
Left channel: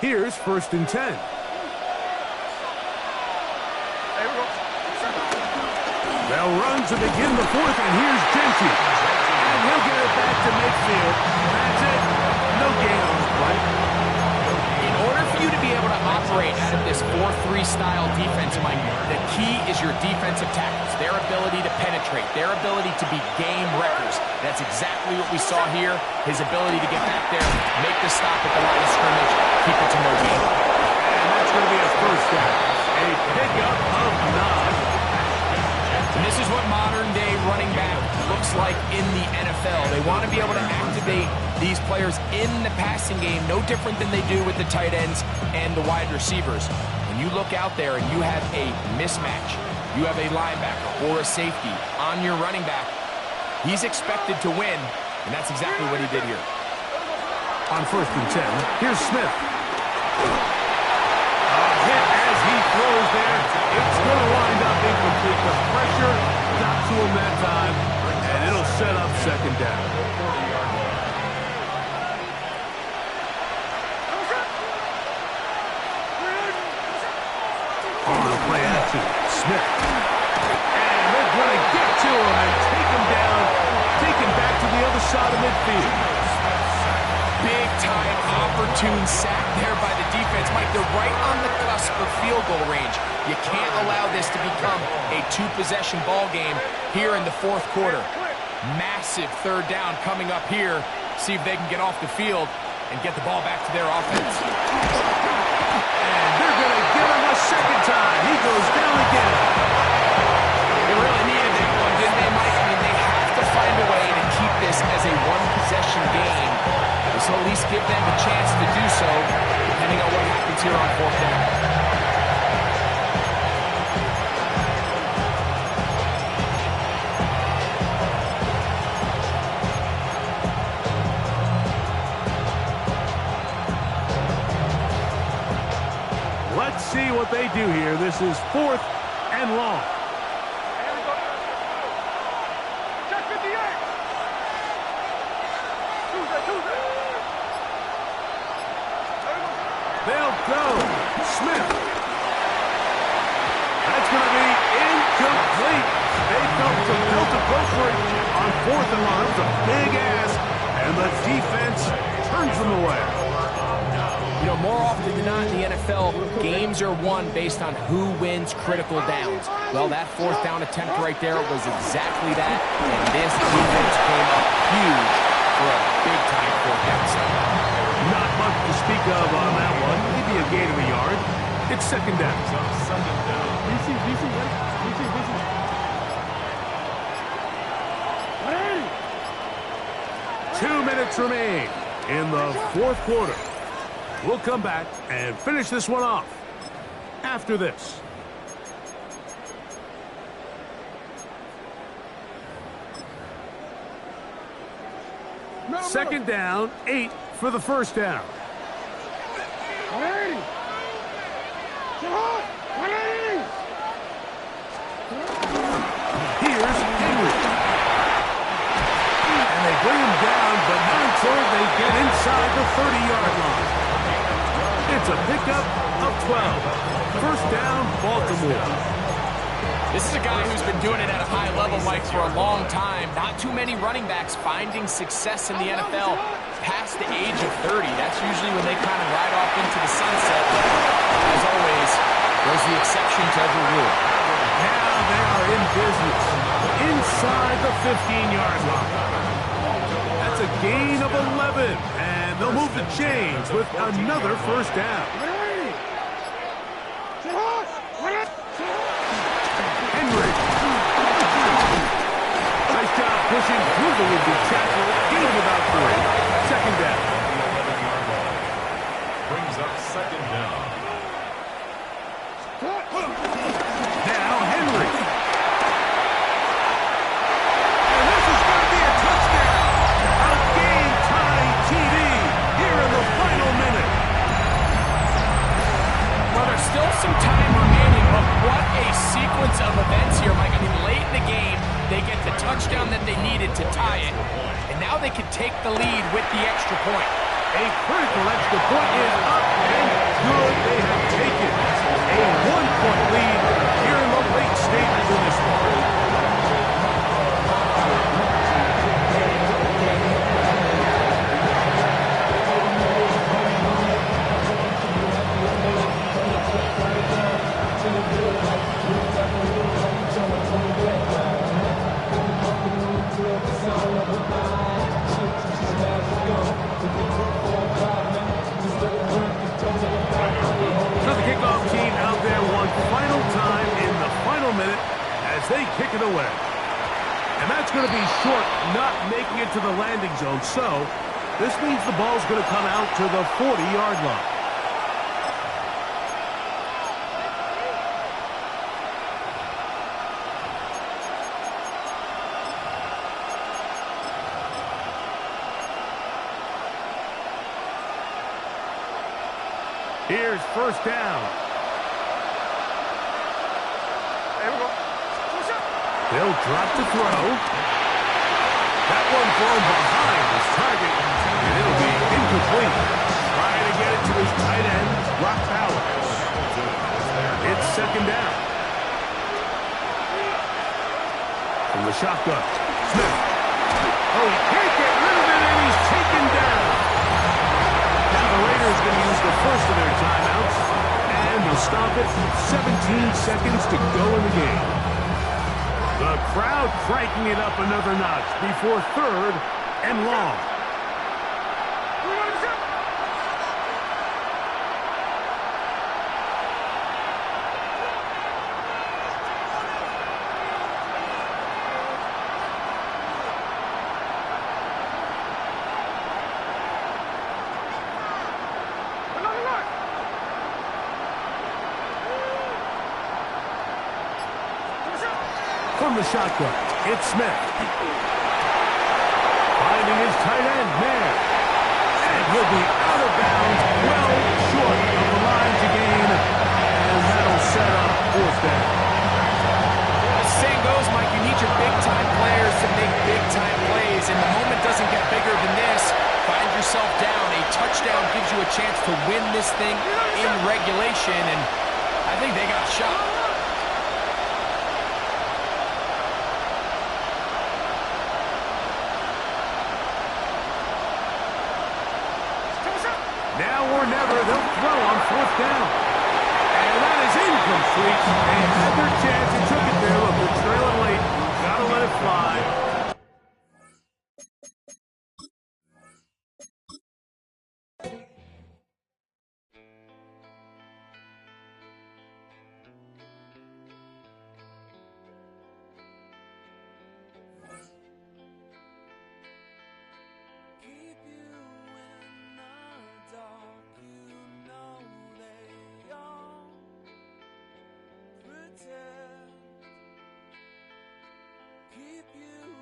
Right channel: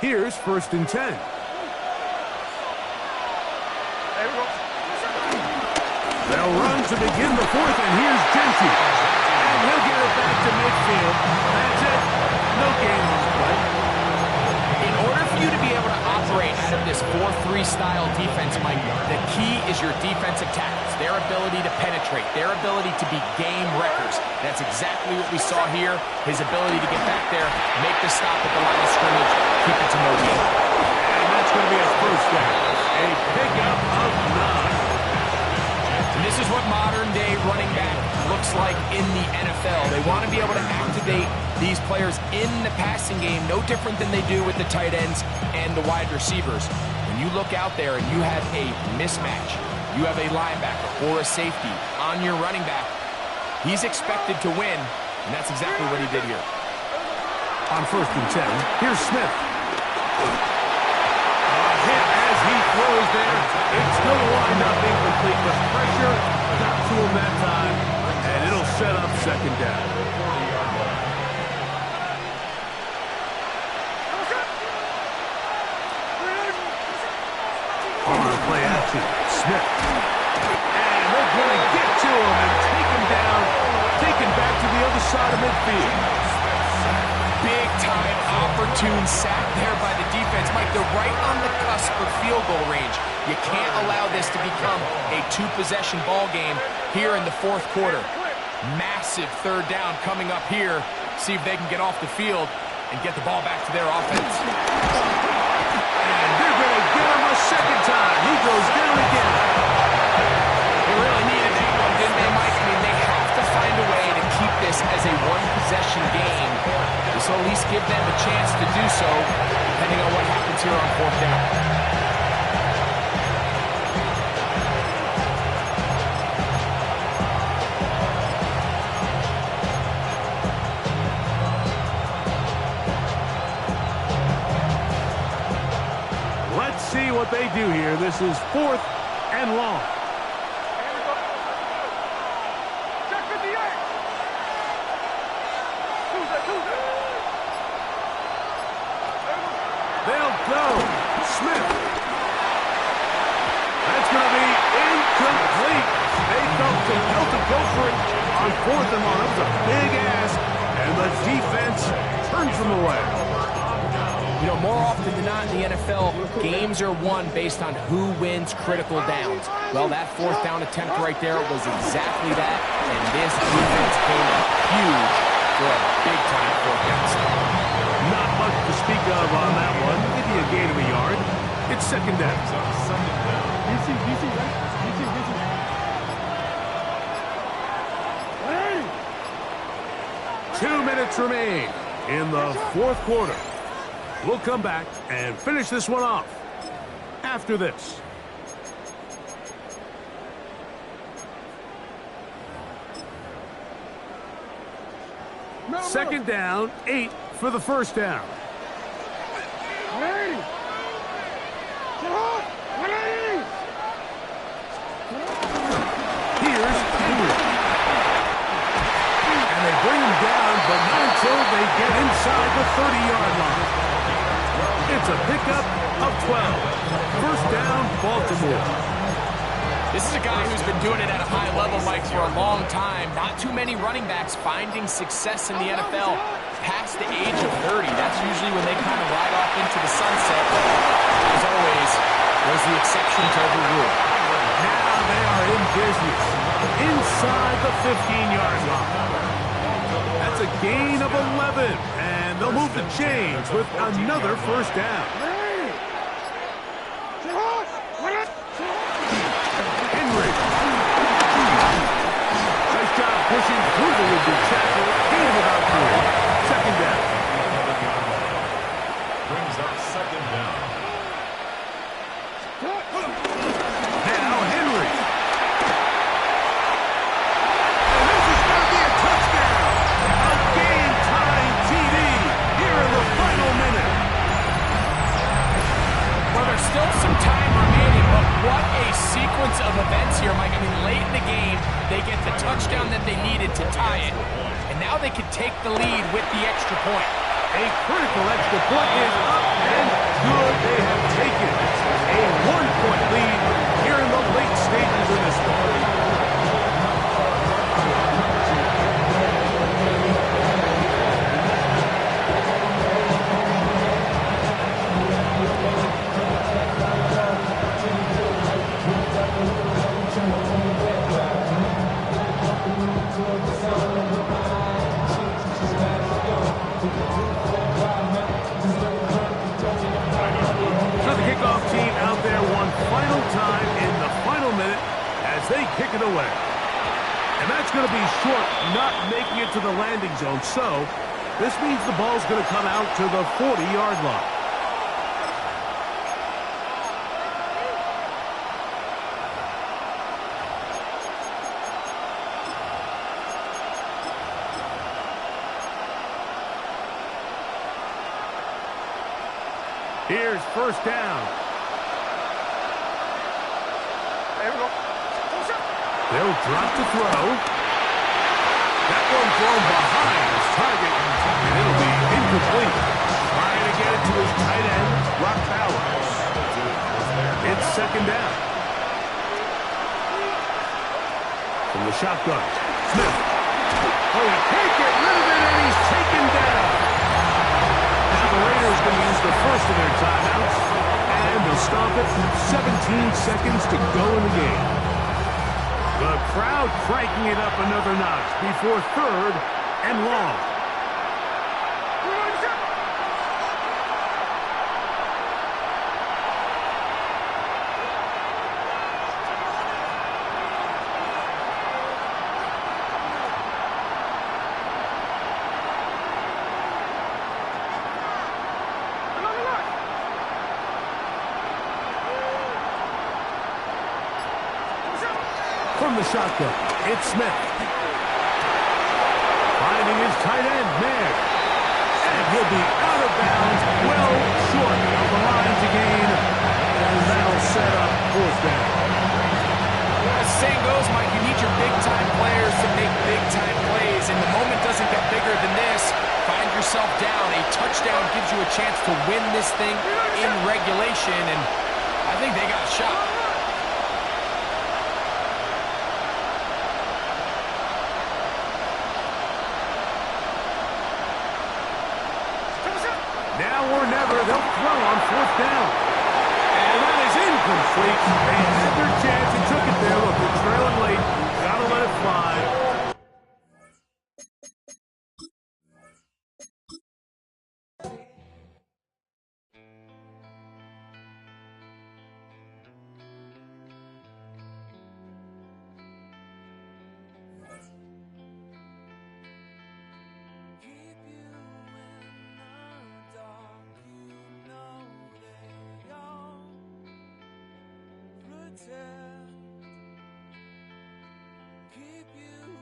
Here's 1st and 10. They'll run to begin the fourth, and here's Gentry. And he'll get it back to midfield. That's it. No gain on the play. In order for you to be able to operate out of this 4-3 style defense, Mike, the key is your defensive tackles, their ability to penetrate, their ability to be game wreckers. That's exactly what we saw here. His ability to get back there, make the stop at the line of scrimmage, keep it to no gain. And that's going to be a first down. A pickup of 9. And this is what modern-day running back looks like in the NFL. They want to be able to activate these players in the passing game, no different than they do with the tight ends and the wide receivers. When you look out there and you have a mismatch, you have a linebacker or a safety on your running back, he's expected to win, and that's exactly what he did here. On 1st and 10, here's Smith. A hit as he throws there. It's going to wind up incomplete. The pressure got to him that time, and it'll set up 2nd down. On the play action, Smith. And they're going to get to him and take him down, taken back to the other side of midfield. Big-time opportune sack there by the defense. Mike, they're right on the cusp of field goal range. You can't allow this to become a 2-possession ball game here in the 4th quarter. Massive 3rd down coming up here. See if they can get off the field and get the ball back to their offense. And they're going to get him a 2nd time. He goes down again. They really needed that one, didn't they, Mike? I mean, they have to find a way to keep this as a 1-possession game. This will at least give them a chance to do so, depending on what happens here on 4th down. Let's see what they do here. This is 4th and long. Check 58. Tuesday. They'll go. Smith. That's going to be incomplete. They felt compelled to go for it on 4th and long. That was a big ask, and the defense turns them away. You know, more often than not in the NFL, games are won based on who wins critical downs. Well, that 4th down attempt right there was exactly that, and this defense came up huge for a big-time 4th down stop. Not much to speak of on that one. Maybe a gain of a yard. It's 2nd down. DC, right? DC. 180. 2 minutes remain in the 4th quarter. We'll come back and finish this one off after this. Second down, 8 for the 1st down. 180. Get hot. 180. Here's Henry. And they bring him down, but not until they get inside the 30-yard line. It's a pickup of 12. 1st down, Baltimore. This is a guy who's been doing it at a high level, Mike, for a long time. Not too many running backs finding success in the NFL past the age of 30. That's usually when they kind of ride off into the sunset. As always, there's the exception to every rule. Now they are in business inside the 15-yard line. That's a gain of 11, and they'll move the chains with another 1st down. pushing through the would-be tackle. Gain of about 3. Second down. The 11-yard line. Brings up second down. Now Henry. And this is going to be a touchdown. A game-tying TD here in the final minute. Well, there's still some time remaining, but what a sequence of events here, Mike. I mean, late in the game, they get the touchdown that they needed to tie it, and now they can take the lead with the extra point. A critical extra point is up and good. They have taken a 1-point lead here in the late stages of this one. So the kickoff team out there one final time in the final minute as they kick it away. And that's going to be short, not making it to the landing zone. So this means the ball's going to come out to the 40-yard line. Here's first down. They'll drop to throw. That one thrown behind his target, and it'll be incomplete. Trying to get it to his tight end, Rock Bowers. It's second down. From the shotgun, Smith. Oh, he can't get rid of it, and he's taken down. Now the Raiders going to use the first of their timeouts, and they'll stop it. 17 seconds to go in the game. The crowd cranking it up another notch before third and long. From the shotgun, it's Smith. Finding his tight end, Mayer. And he'll be out of bounds, well short of the line to gain. And that'll set up fourth down. As the saying goes, Mike, you need your big-time players to make big-time plays. And the moment doesn't get bigger than this. Find yourself down. A touchdown gives you a chance to win this thing in regulation. And I think they got a shot. Now or never, they'll throw on fourth down. And that is incomplete. They had their chance and took it there. Look, they're trailing late. Gotta let it fly. Keep you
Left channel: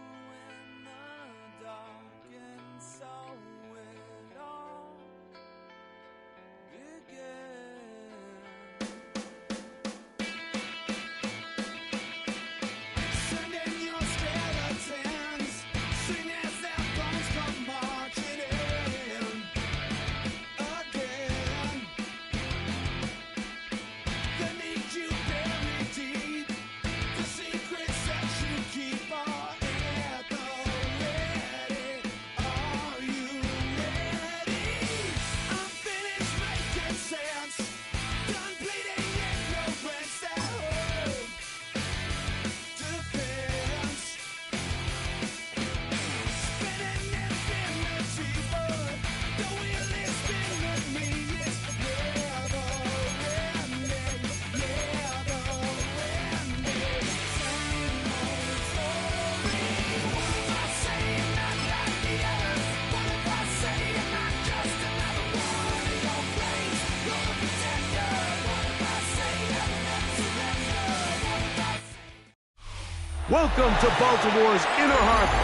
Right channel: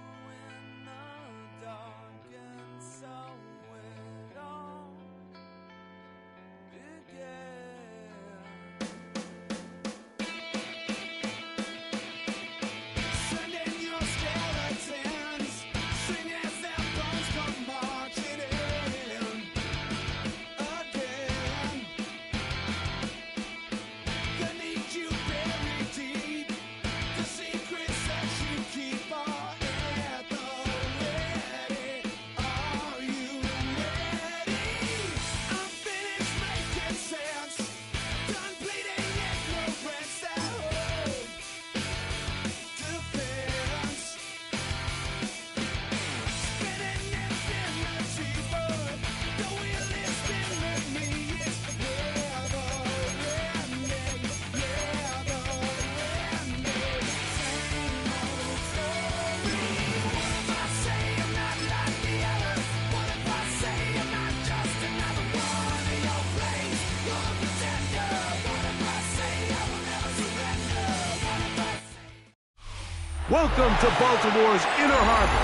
Welcome to Baltimore's Inner Harbor.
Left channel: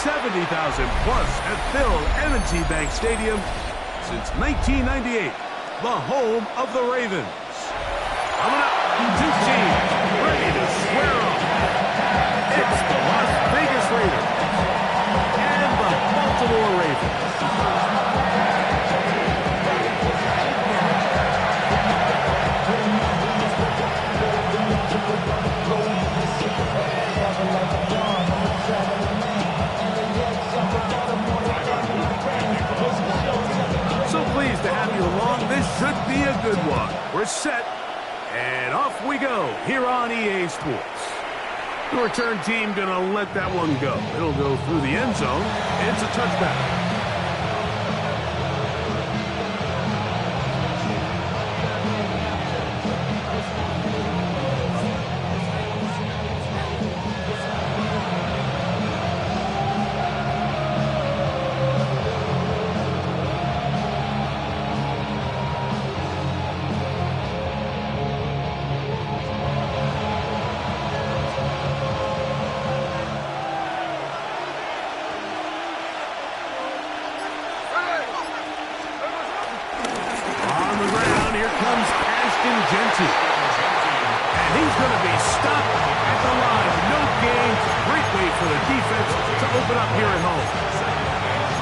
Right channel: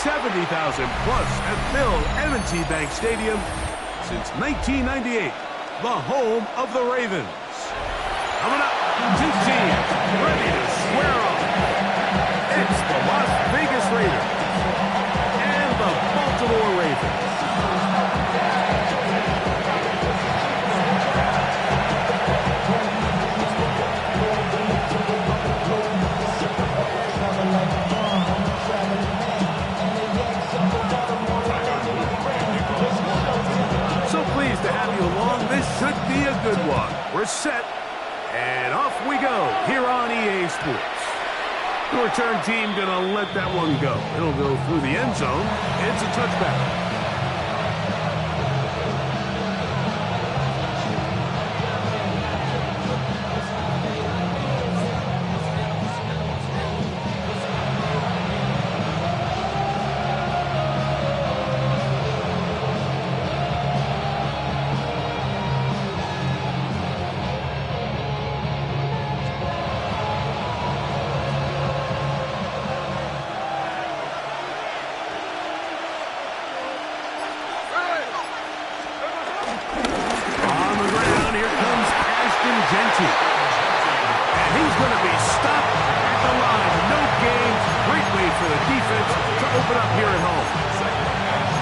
70,000 plus have filled M&T Bank Stadium since 1998, the home of the Ravens. Coming up, two teams ready to square off. It's the Las Vegas Raiders and the Baltimore Ravens. So pleased to have you along. This should be a good one. We're set, and off we go here on EA Sports. The return team gonna let that one go. It'll go through the end zone. It's a touchback. And he's going to be stopped at the line. No gain. Great way for the defense to open up here at home.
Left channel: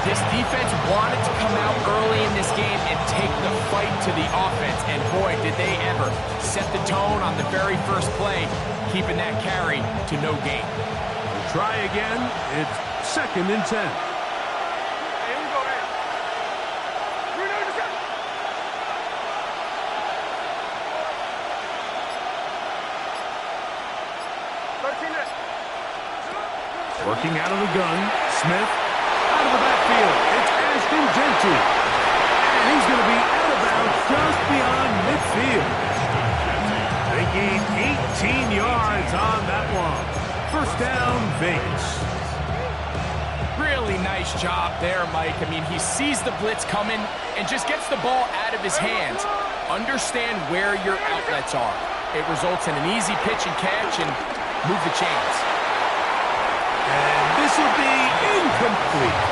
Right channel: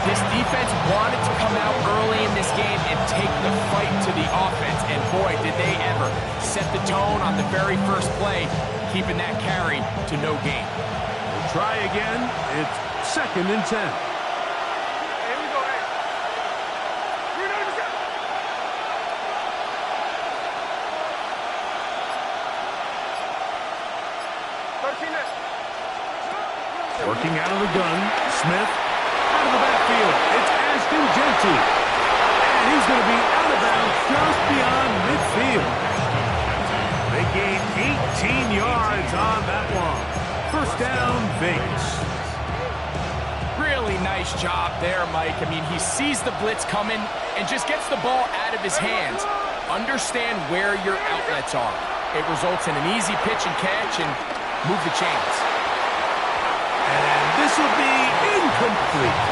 This defense wanted to come out early in this game and take the fight to the offense. And boy, did they ever set the tone on the very first play, keeping that carry to no gain. We'll try again. It's 2nd and 10. Working out of the gun, Smith out of the backfield. It's Ashton Genty. And he's going to be out of bounds just beyond midfield. They gain 18 yards on that one. First down, Vegas. Really nice job there, Mike. I mean, he sees the blitz coming and just gets the ball out of his hands. Understand where your outlets are. It results in an easy pitch and catch and move the chains. And this will be incomplete.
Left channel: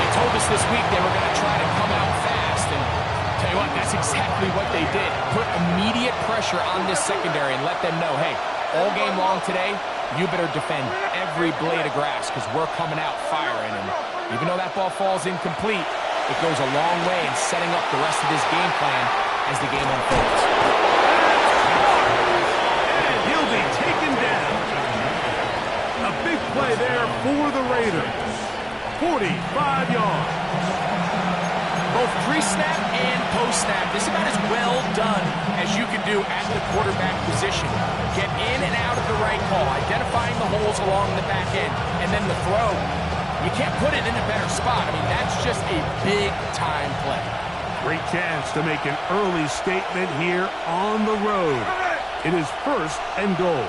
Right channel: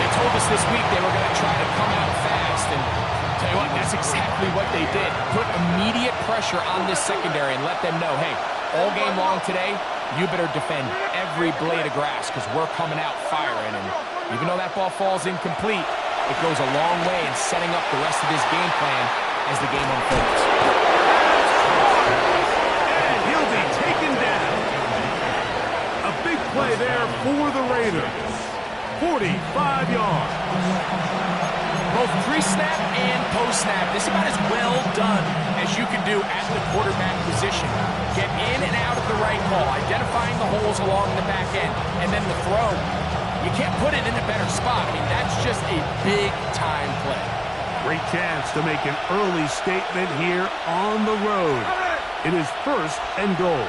They told us this week they were going to try to come out fast, and tell you what, that's exactly what they did. Put immediate pressure on this secondary and let them know, hey, all game long today, you better defend every blade of grass because we're coming out firing. And even though that ball falls incomplete, it goes a long way in setting up the rest of this game plan as the game unfolds. And he'll be taken down. A big play there for the Raiders. 45 yards. Both pre-snap and post-snap, this is about as well done as you can do at the quarterback position. Get in and out of the right call, identifying the holes along the back end, and then the throw. You can't put it in a better spot. I mean, that's just a big-time play. Great chance to make an early statement here on the road. It is 1st and goal.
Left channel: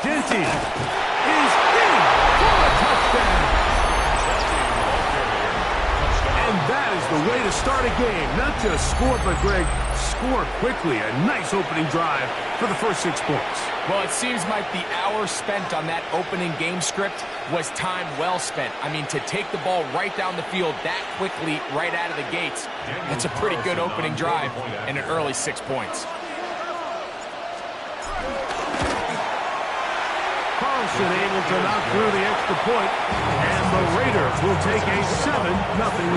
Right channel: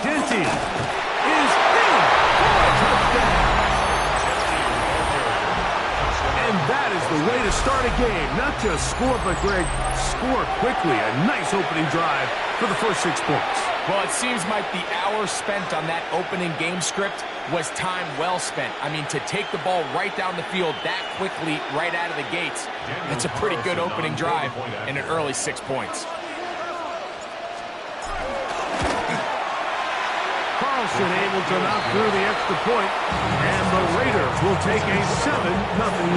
Genty is in for a touchdown. And that is the way to start a game. Not just score, but, Greg, score quickly. A nice opening drive for the first 6 points. Well, it seems like the hour spent on that opening game script was time well spent. I mean, to take the ball right down the field that quickly right out of the gates, that's a pretty good opening drive and an early 6 points. Carlson able to knock through the extra point, and the Raiders will take a 7-0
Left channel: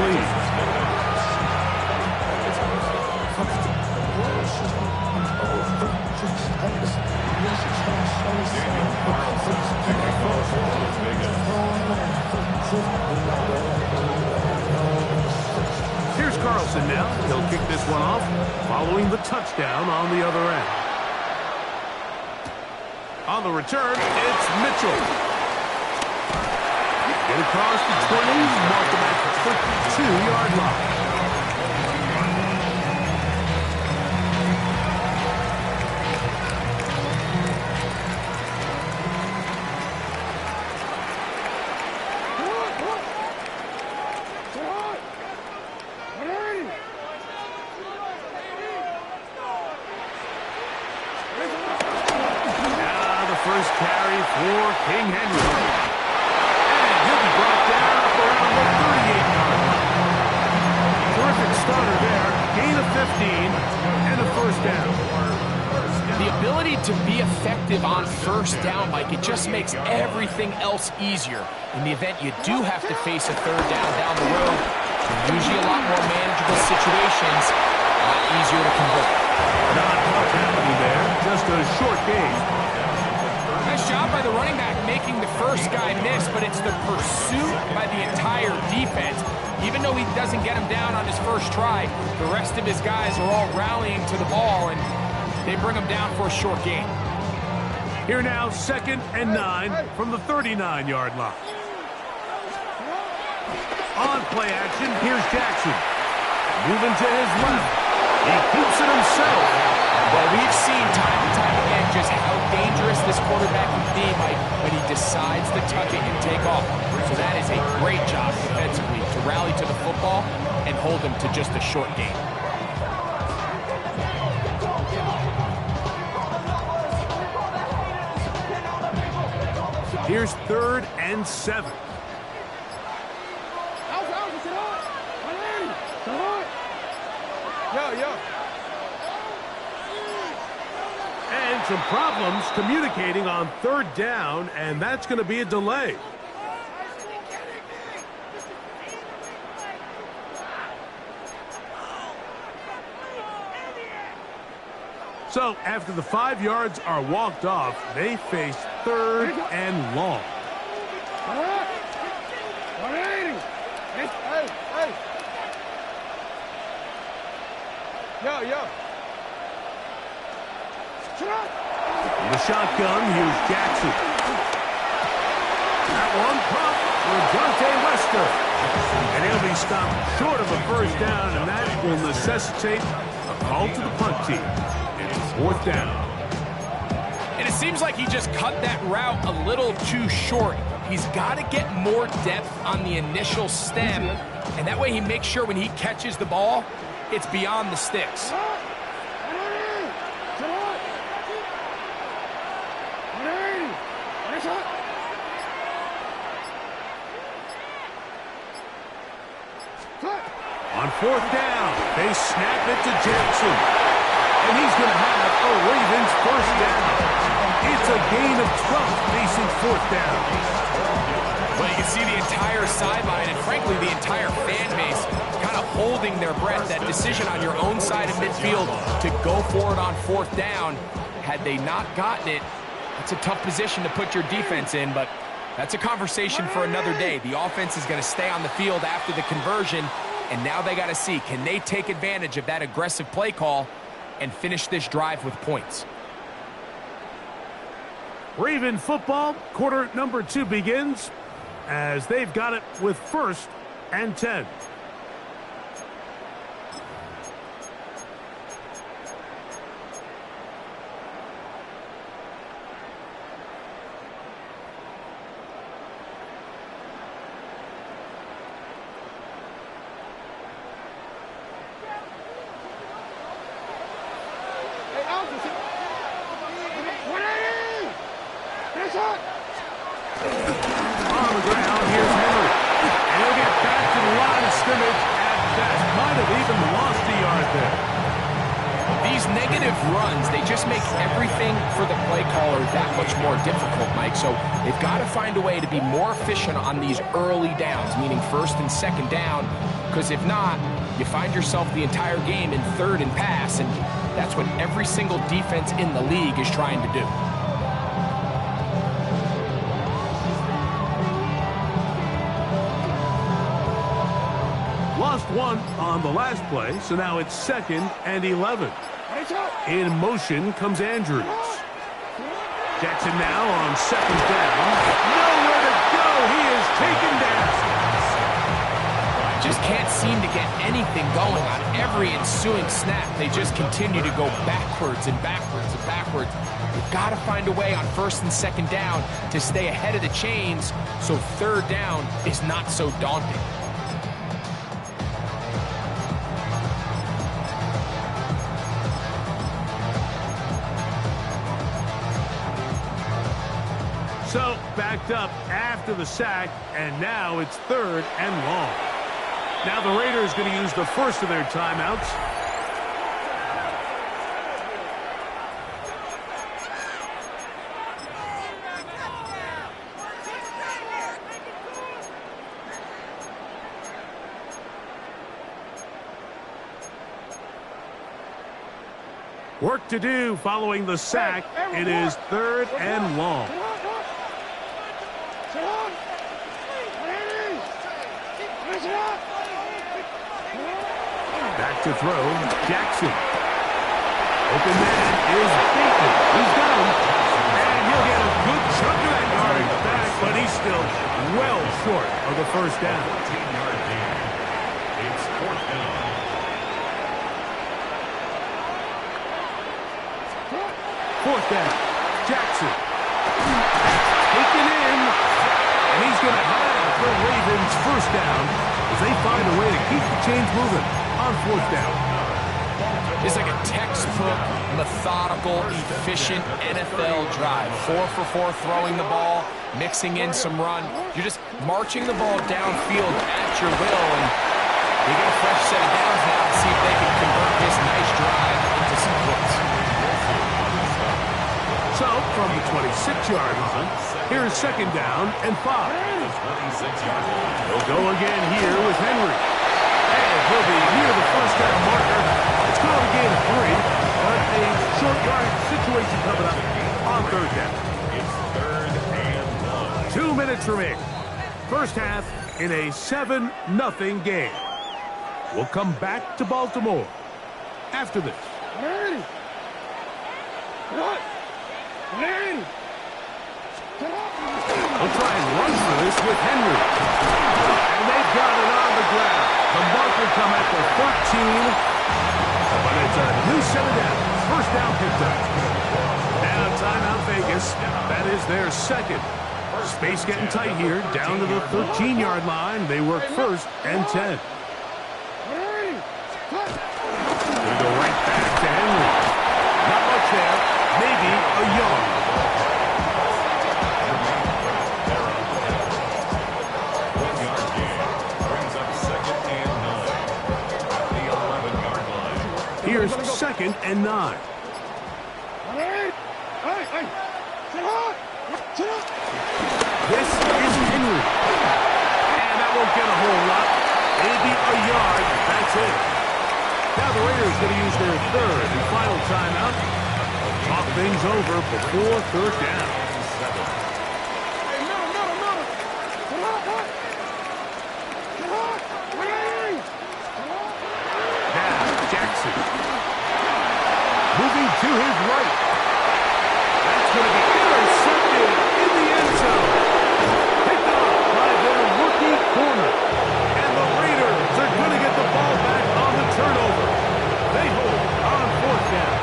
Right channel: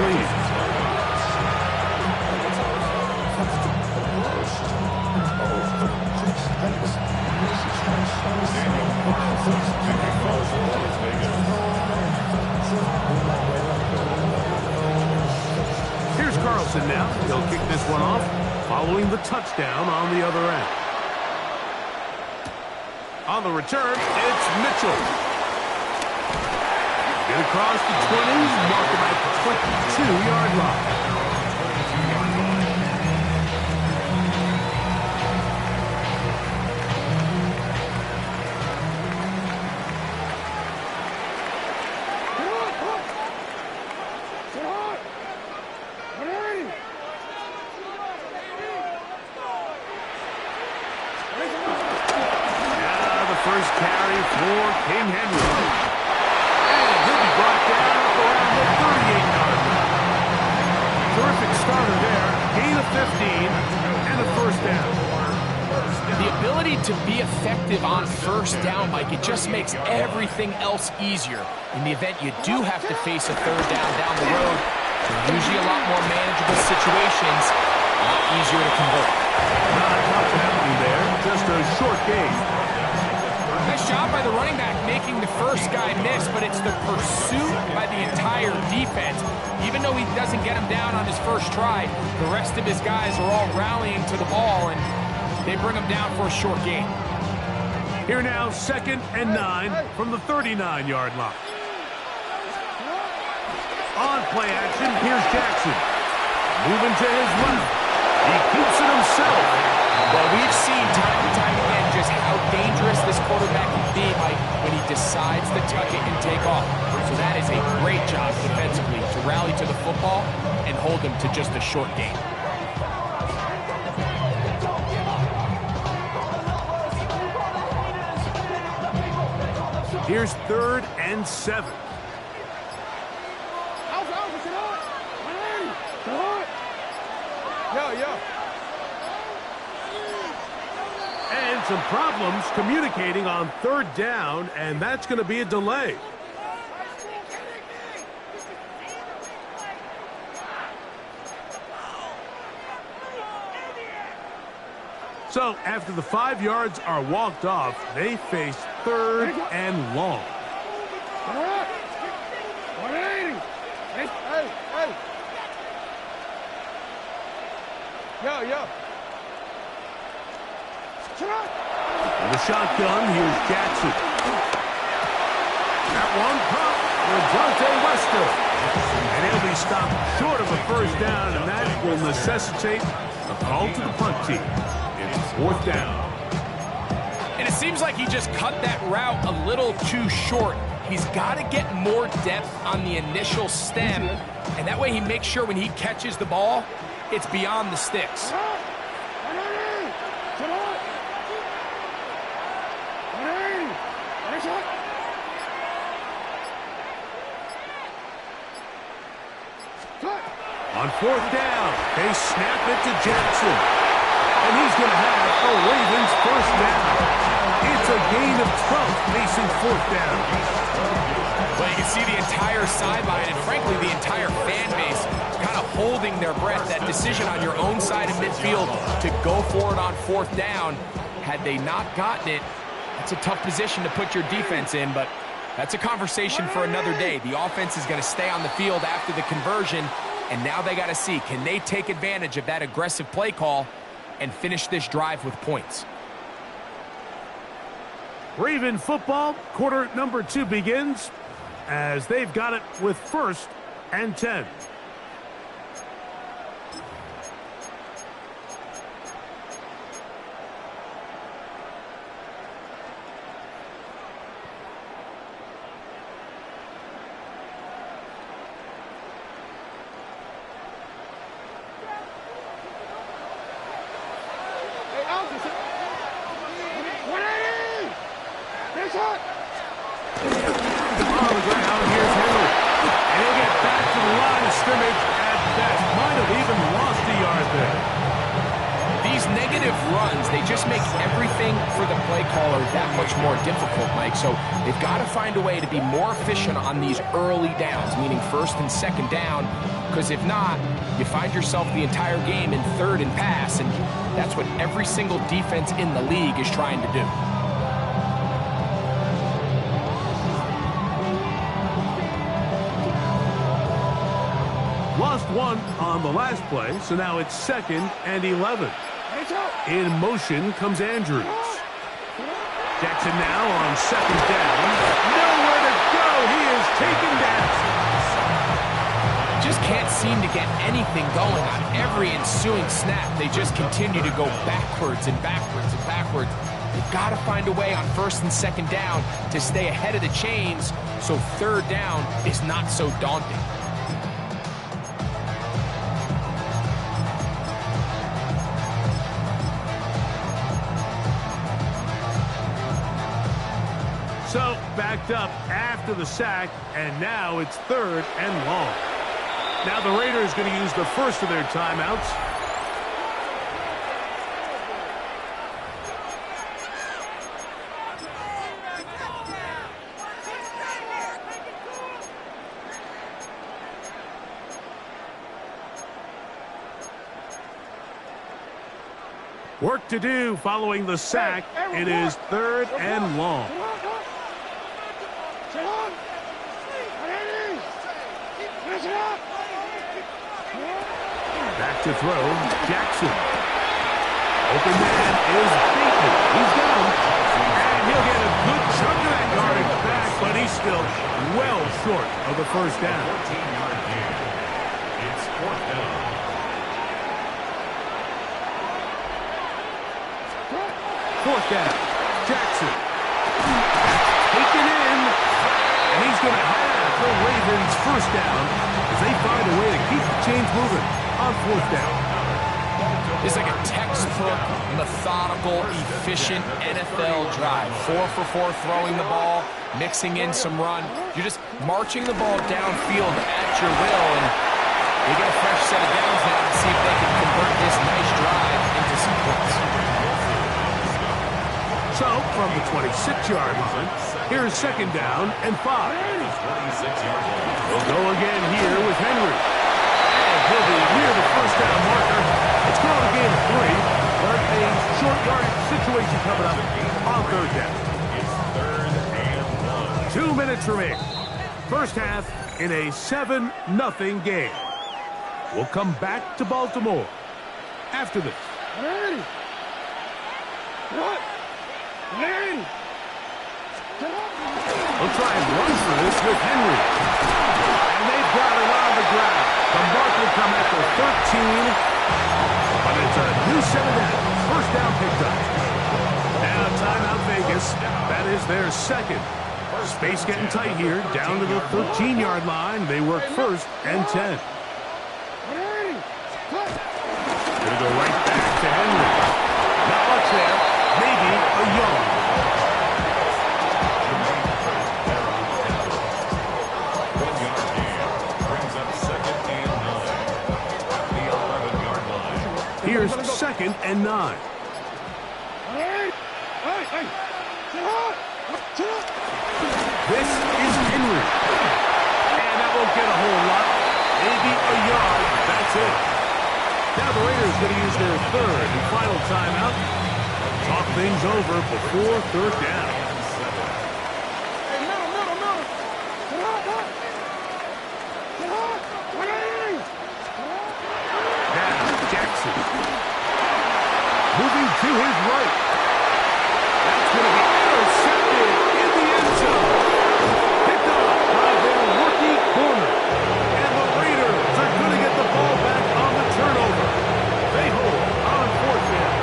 lead. Here's Carlson now. He'll kick this one off, following the touchdown on the other end. On the return, it's Mitchell. Get across the 20, mark him at the 22-yard line. first carry for King Henry. And he'll be brought down up around the 38-yard line. Terrific starter there. Gain of 15 and a first down. The ability to be effective on first down, Mike, it just makes everything else easier. In the event you do have to face a third down the road, they're usually a lot more manageable situations, a lot easier to convert. Not much happening there, just a short gain. Nice job by the running back making the first guy miss, but it's the pursuit by the entire defense. Even though he doesn't get him down on his first try, the rest of his guys are all rallying to the ball, and they bring him down for a short gain. Here now, 2nd and 9 from the 39-yard line. On play action, here's Jackson. Moving to his left. He keeps it himself. Well, we've seen time and time again just how dangerous this quarterback can be, Mike, when he decides to tuck it and take off. So that is a great job defensively to rally to the football and hold him to just a short gain. Here's 3rd and 7. Yo. And some problems communicating on 3rd down, and that's going to be a delay. So after the 5 yards are walked off, they face 3rd and long. 180. Hey. Yo. In the shotgun, here's Jackson. That one pump for Dante Wester. And he'll be stopped short of a first down, and that will necessitate a call to the punt team. It's 4th down. And it seems like he just cut that route a little too short. He's got to get more depth on the initial stem, and that way he makes sure when he catches the ball, it's beyond the sticks. On 4th down, they snap it to Jackson. And he's going to have a Ravens first down. It's a gain of 12 facing 4th down. Well, you can see the entire sideline and, frankly, the entire fan base kind of holding their breath. That decision on your own side of midfield to go for it on 4th down, had they not gotten it, that's a tough position to put your defense in, but that's a conversation for another day. The offense is going to stay on the field after the conversion, and now they got to see, can they take advantage of that aggressive play call and finish this drive with points? Raven football, quarter number 2 begins as they've got it with 1st and 10. On the ground, here's Henry. And he'll get back to the line of scrimmage at best. Might have even lost a yard there. These negative runs, they just make everything for the play caller that much more difficult, Mike. So they've got to find a way to be more efficient on these early downs, meaning 1st and 2nd down, because if not, you find yourself the entire game in 3rd and pass, and that's what every single defense in the league is trying to do. Lost one on the last play, so now it's 2nd and 11. In motion comes Andrews. Jackson now on 2nd down. Nowhere to go. He is taken down. Just can't seem to get anything going on every ensuing snap. They just continue to go backwards and backwards and backwards. They've got to find a way on 1st and 2nd down to stay ahead of the chains so 3rd down is not so daunting. So, backed up after the sack, and now it's 3rd and long. Now the Raiders going to use the first of their timeouts. Work to do following the sack. It is 3rd and long. Back to throw, Jackson. Open man is Bateman. He's got him. And he'll get a good chunk of that yardage back, but he's still well short of the first down. 14-yard gain. It's 4th down. 4th down, Jackson. That's taken in. And he's going to have the Ravens first down as they find a way to keep the chains moving on 4th down. It's like a textbook, methodical, efficient NFL drive. 4 for 4 throwing the ball, mixing in some run. You're just marching the ball downfield at your will, and they get a fresh set of downs now to see if they can convert this nice drive into some points. So, from the 26-yard line, here's 2nd down and 5. They'll go again here with Henry. And he'll be near the first down marker. It's called a gain of 3, but a short yardage situation coming up on 3rd down. It's 3rd and 1. 2 minutes remaining. First half in a 7-0 game. We'll come back to Baltimore after this. We'll try and run for this with Henry. And they've got it on the ground. The mark will come at the 13. But it's a new 7 down. First down picked up. Now timeout Vegas. That is their 2nd. Space getting tight here. Down to the 13-yard line. They work 1st and 10. Gonna go right back to Henry. Not much there. Maybe a yard. Here's 2nd and 9. This is Henry. And that won't get a whole lot. Maybe a yard. That's it. Now the Raiders going to use their 3rd and final timeout. Talk things over before 3rd down. Jackson. Moving to his right. That's going to be intercepted in the end zone. Picked off by their rookie corner. And the Raiders are going to get the ball back on the turnover. They hold on 4th down.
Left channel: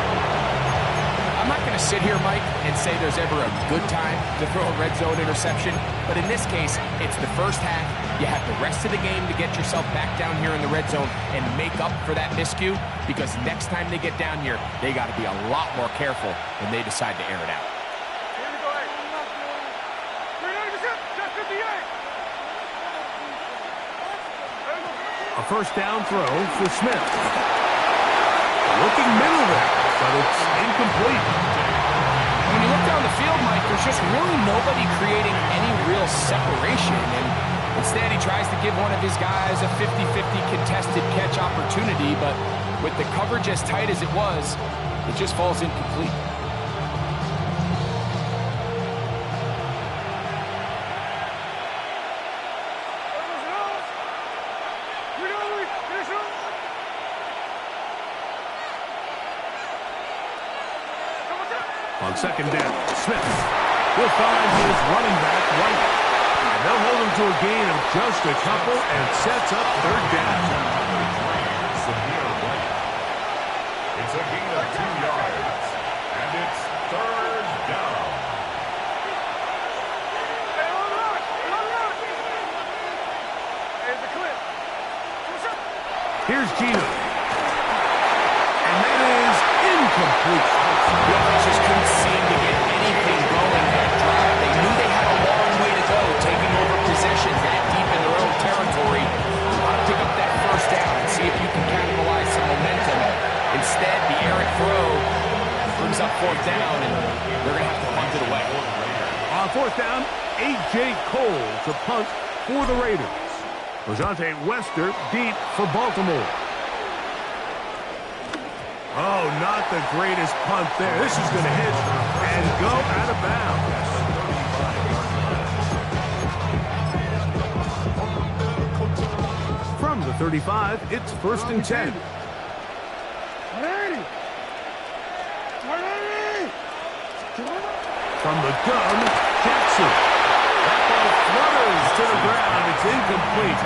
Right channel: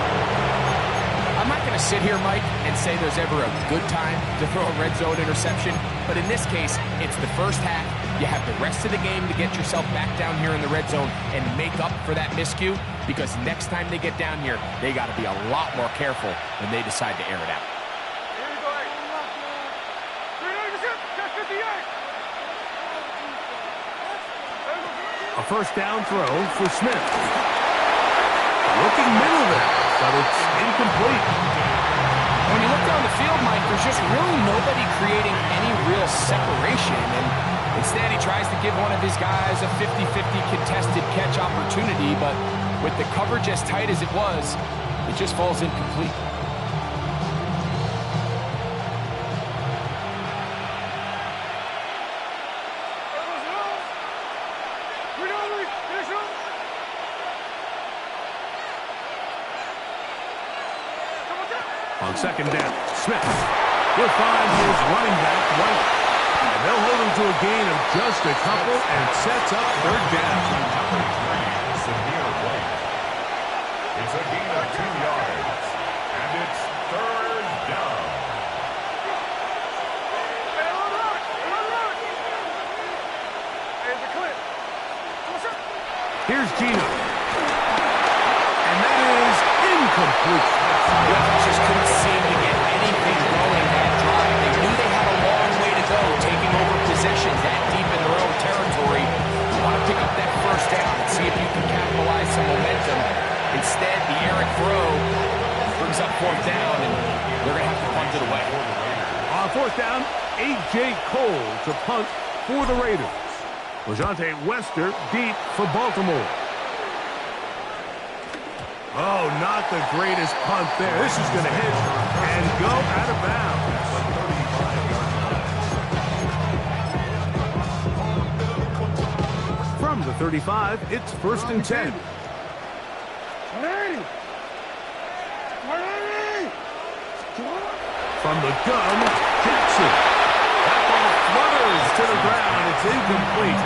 I'm not going to sit here, Mike, and say there's ever a good time to throw a red zone interception. But in this case, it's the first half. You have the rest of the game to get yourself back down here in the red zone and make up for that miscue, because next time they get down here, they got to be a lot more careful when they decide to air it out. Here we go, 390%, 58. A first down throw for Smith. Looking middle there, but it's incomplete. When you look down the field, Mike, there's just really nobody creating any real separation, and instead he tries to give one of his guys a 50-50 contested catch opportunity, but with the coverage as tight as it was, it just falls incomplete. On 2nd down, Smith. He'll find his running back, White. And they'll hold him to a gain of just a couple and sets up 3rd down. Number 3, Samir White. It's a gain of 2 yards. And it's 3rd down. Here's Gino. And that is incomplete. The offense just couldn't seem to get anything going that drive. They knew they had pick up that first down and see if you can capitalize some momentum. Instead, the errant throw brings up fourth down, and they're going to have to punt it away. On fourth down, A.J. Cole to punt for the Raiders. Lejante Wester deep for Baltimore. Oh, not the greatest punt there. This is going to hit and go out of bounds. From the 35, it's first and 10. 180. 180. From the gun, Jackson. That ball flutters to the ground. It's incomplete.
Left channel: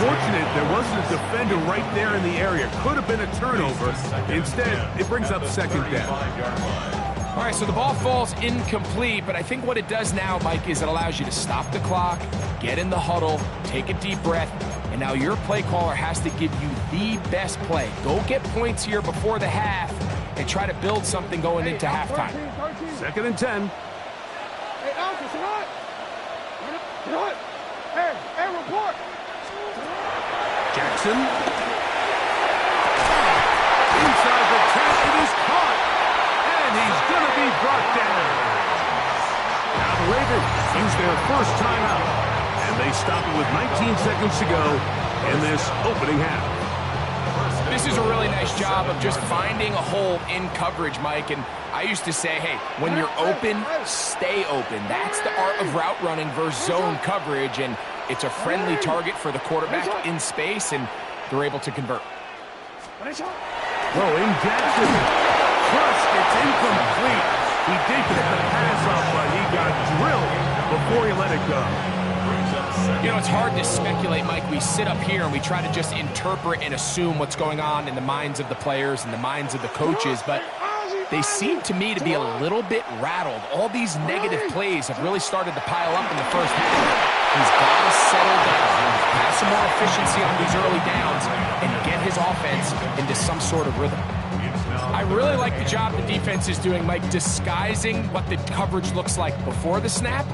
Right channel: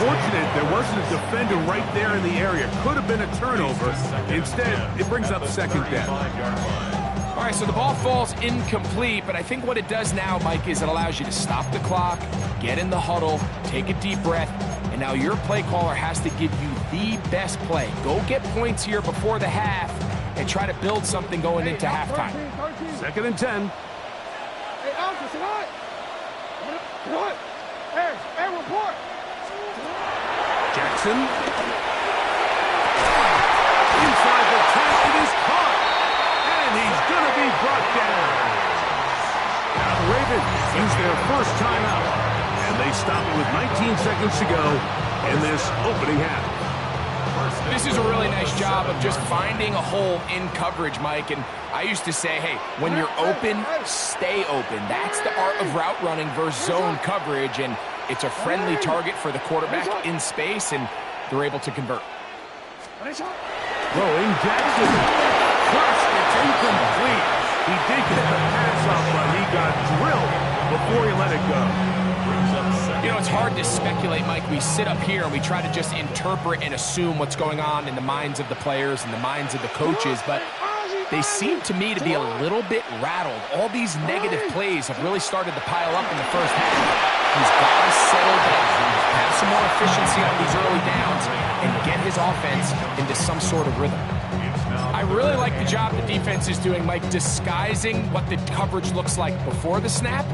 Fortunate there wasn't a defender right there in the area. Could have been a turnover. Instead, it brings up second down. All right, so the ball falls incomplete, but I think what it does now, Mike, is it allows you to stop the clock, get in the huddle, take a deep breath, and now your play caller has to give you the best play. Go get points here before the half and try to build something going into halftime. 13. Second and 10. Hey, Alpha, sit on. What? Hey, report. Jackson. Inside the 10, it is caught. And he's going to be brought down. Now the Ravens use their first timeout. And they stop it with 19 seconds to go in this opening half. This is a really nice job of just finding a hole in coverage, Mike. And I used to say, hey, when you're open, stay open. That's the art of route running versus zone coverage. And it's a friendly target for the quarterback in space, and they're able to convert. Throwing Jackson. First, it's incomplete. He did get the pass off, but he got drilled before he let it go. You know, it's hard to speculate, Mike. We sit up here and we try to just interpret and assume what's going on in the minds of the players and the minds of the coaches, but they seem to me to be a little bit rattled. All these negative plays have really started to pile up in the first half. He's got to settle down, have some more efficiency on these early downs, and get his offense into some sort of rhythm. I really like the job the defense is doing, Mike, disguising what the coverage looks like before the snap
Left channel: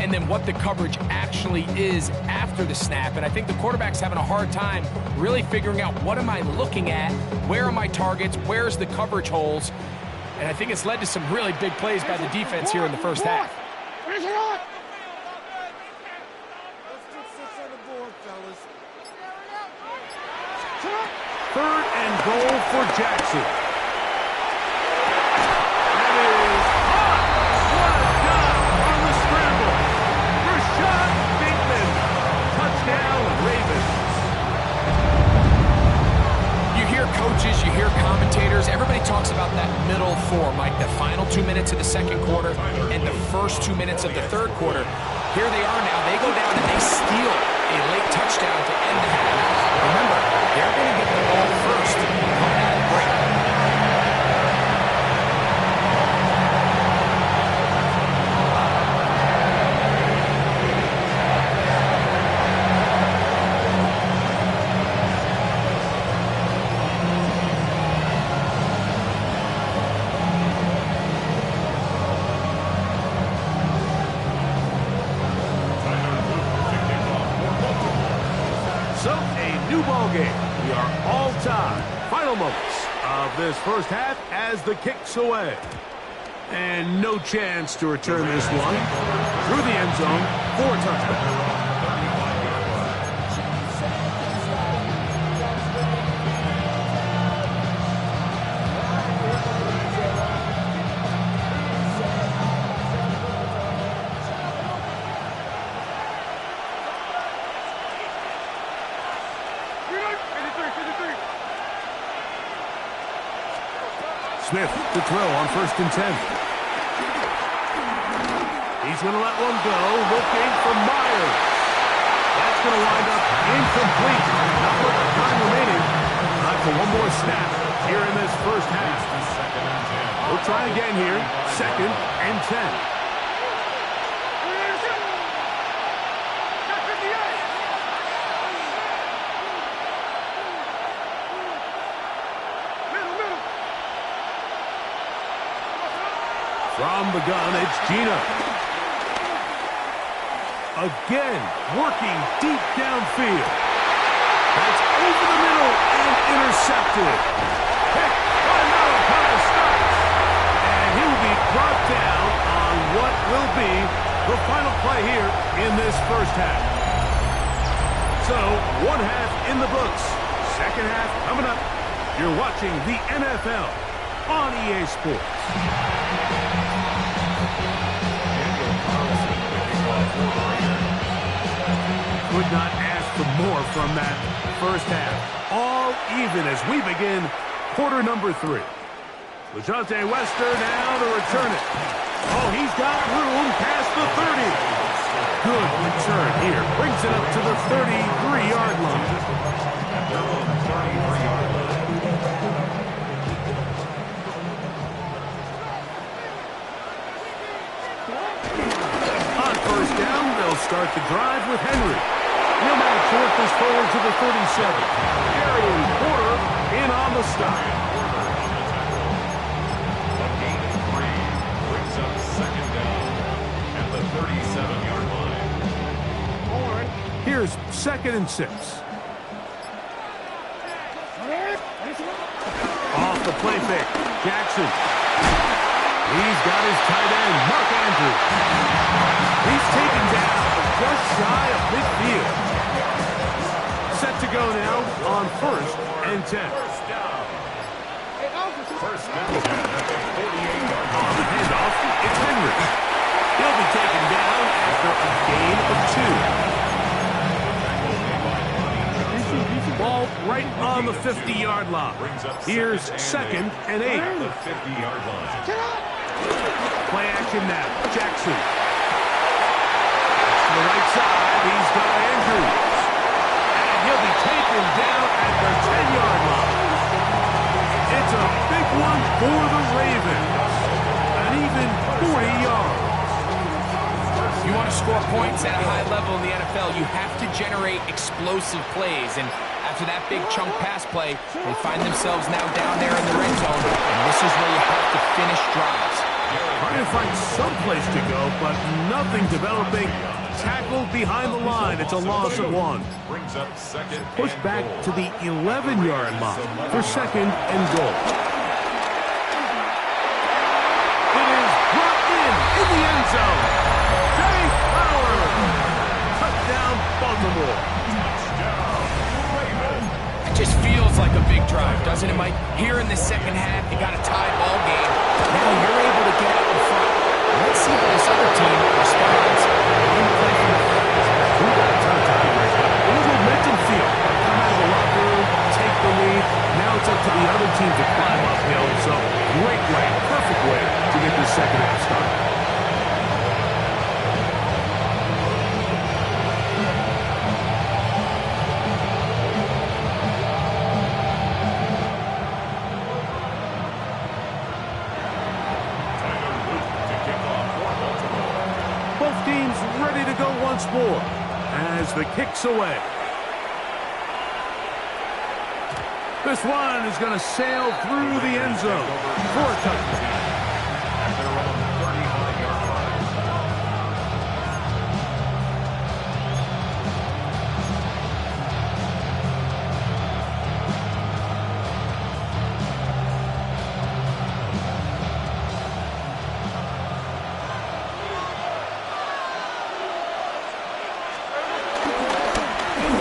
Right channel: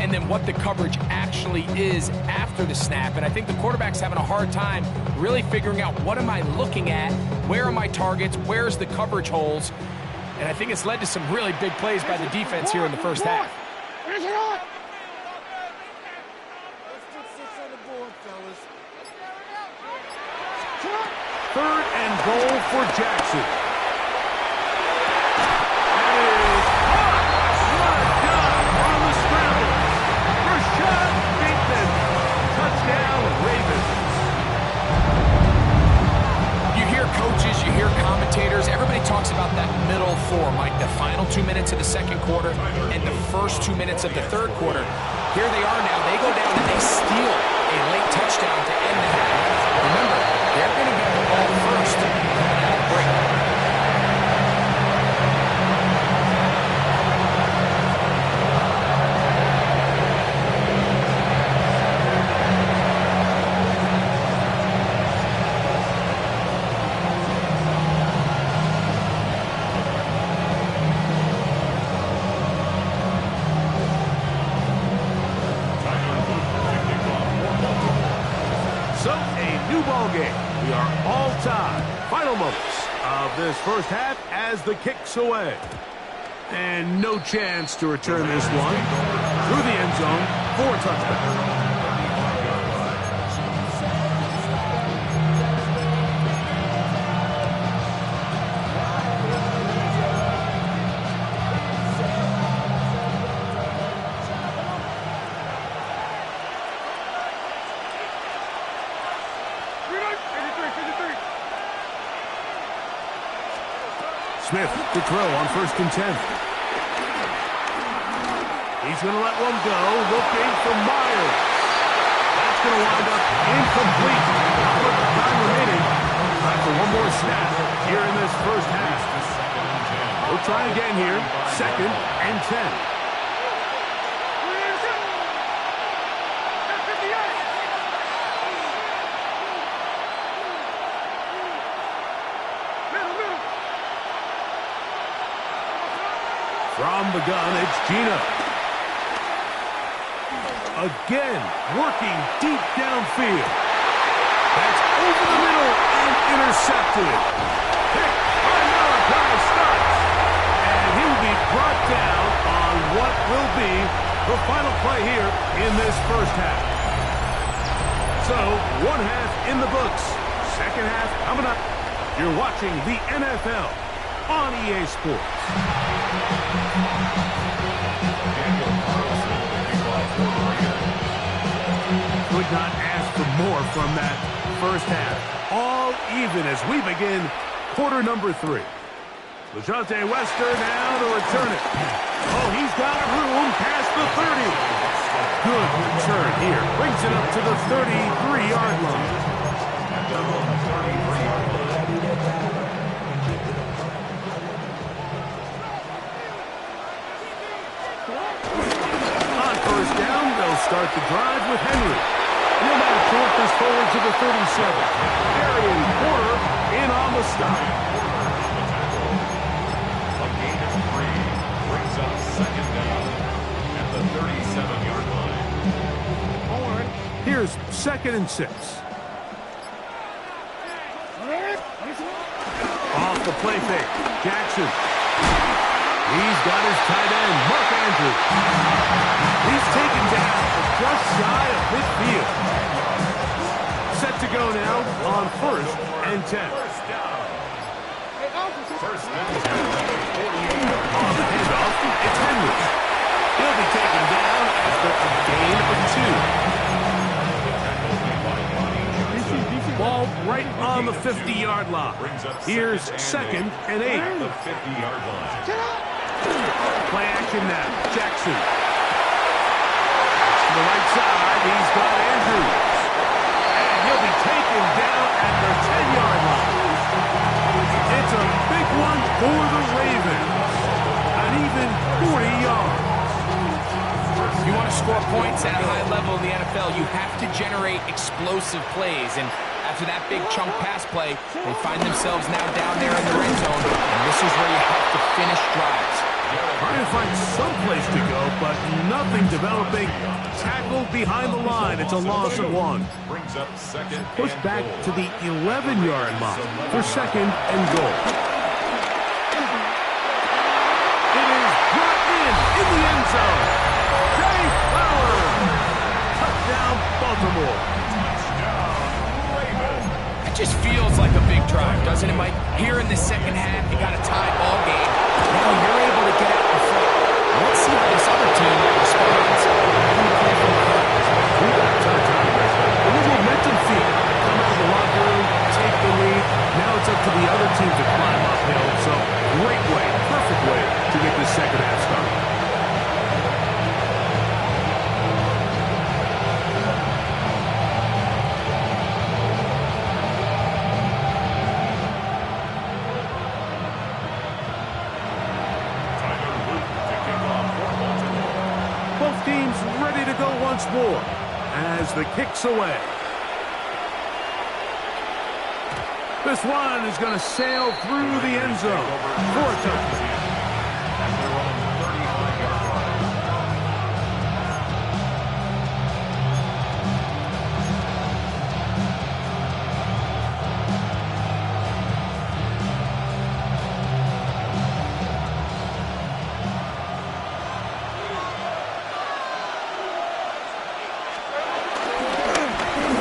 and then what the coverage actually is after the snap. And I think the quarterback's having a hard time really figuring out, what am I looking at? Where are my targets? Where's the coverage holes? And I think it's led to some really big plays by the defense here in the first half. Third and goal for Jackson. That is caught. What a job on the scramble. Rashad Bateman. Touchdown, Ravens. You hear coaches, you hear commentators, everybody talks about that middle four, Mike, the final 2 minutes of the second quarter and the first 2 minutes of the third quarter. Here they are now. They go down and they steal a late touchdown to end the half. Remember, they're going to get the ball first coming out of the break. So, a new ball game. We are all tied. Final moments of this first half as the kick's away. And no chance to return this one through the end zone for a touchdown. Smith to throw on first and 10. He's going to let one go, looking for Myers. That's going to wind up incomplete. Not much time remaining. Time for one more snap here in this first half. We'll try again here. Second and 10. From the gun, it's Gina. Again, working deep downfield. That's over the middle and intercepted. Pick by Malachi Starks. And he will be brought down on what will be the final play here in this first half. So, one half in the books. Second half coming up. You're watching the NFL on EA Sports. Daniel Carlson, the kickoff for the Raiders. Could not ask for more from that first half. All even as we begin quarter number 3. LeJohntay Wester now to return it. Oh, he's got room past the 30. Good return here. Brings it up to the 33-yard line. At their own 33-yard line. On first down, they'll start the drive with Henry. He'll now short this forward to the 37. Darian Porter in on the stop. A gain of 3 brings up second down at the 37-yard line. Here's 2nd and 6. Off the play fake, Jackson. He's got his tight end, Mark Andrews. He's taken down just shy of midfield. Set to go now on 1st and 10. First down. First and 10 at the 48-yard On the handoff, it's Henry. He'll be taken down after a gain of 2. Ball right on the 50-yard line. Here's 2nd and 8. The 50-yard line. Play action now. Jackson. To the right side, he's got Andrews. And he'll be taken down at the 10-yard line. It's a big one for the Ravens. An even 40 yards. You want to score points at a high level in the NFL, you have to generate explosive plays. And after that big chunk pass play, they find themselves now down there in the red zone. And this is where you have to finish drives. Trying to find some place to go, but nothing developing. Tackled behind the line. It's a loss of 1. Brings up second. Pushed back to the 11-yard line for 2nd and goal. It is brought in the end zone. Jay Flowers. Touchdown, Baltimore. Touchdown, Ravens. It just feels like a big drive, doesn't it, Mike? Here in the second half, you got a tie ball game. Now you're able to get out in front. Let's see how this other team responds. They're going to play from behind. We've got a ton of time breaks, but a little momentum feel. Come out of the locker room, take the lead. Now it's up to the other team to climb uphill. So great way, perfect way to get this second half started. Both teams ready to go once more as the kick's away. This one is going to sail through the end zone for a touchdown. At their own 35-yard line.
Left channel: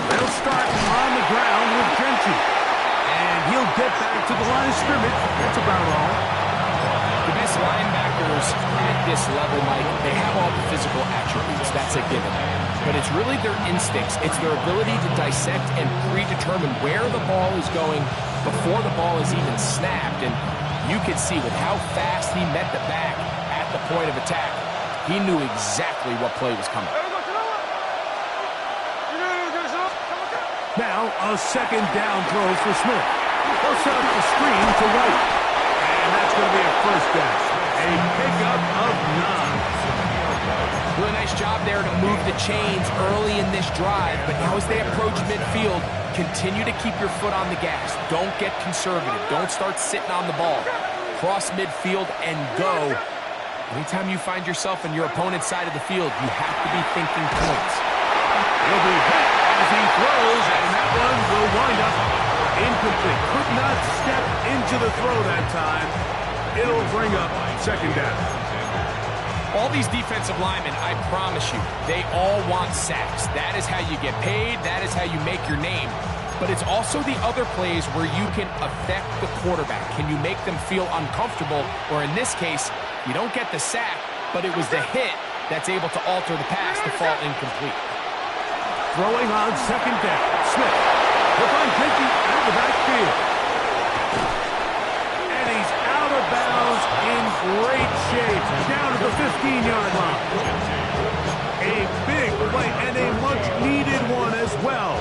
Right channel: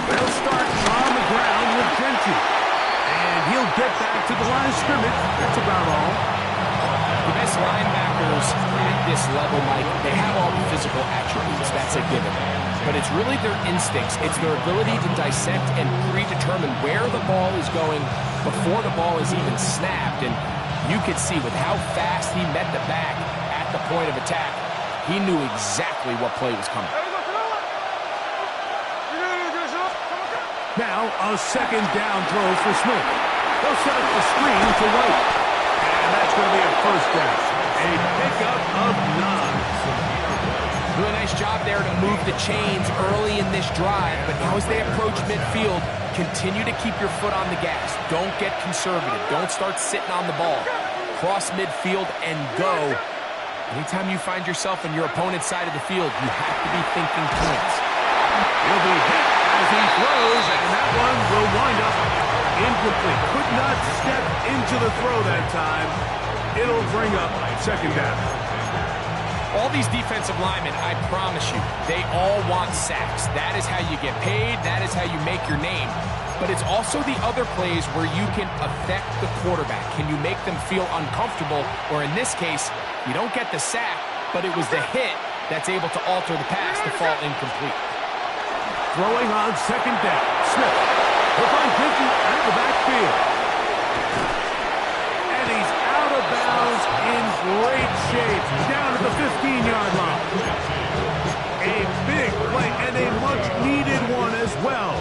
They'll start on the ground with Gentry. And he'll get back to the line of scrimmage. That's about all. The best linebackers at this level, Mike, they have all the physical attributes. That's a given. But it's really their instincts. It's their ability to dissect and predetermine where the ball is going before the ball is even snapped. And you could see with how fast he met the back at the point of attack, he knew exactly what play was coming. Now, a second down throw for Smith. They'll set up the screen to White. And that's going to be a first down. A pickup of 9. Really nice job there to move the chains early in this drive. But now as they approach midfield, continue to keep your foot on the gas. Don't get conservative. Don't start sitting on the ball. Cross midfield and go. Anytime you find yourself on your opponent's side of the field, you have to be thinking points. He'll be hit as he throws, and that one will wind up incomplete. Could not step into the throw that time. It'll bring up second down. All these defensive linemen, I promise you, they all want sacks. That is how you get paid. That is how you make your name. But it's also the other plays where you can affect the quarterback. Can you make them feel uncomfortable? Or in this case, you don't get the sack, but it was the hit that's able to alter the pass to fall incomplete. Throwing on second down. Smith. He'll find Dickey at the backfield. And he's out of bounds in great shape. Down at the 15-yard line. A big play and a much-needed one as well.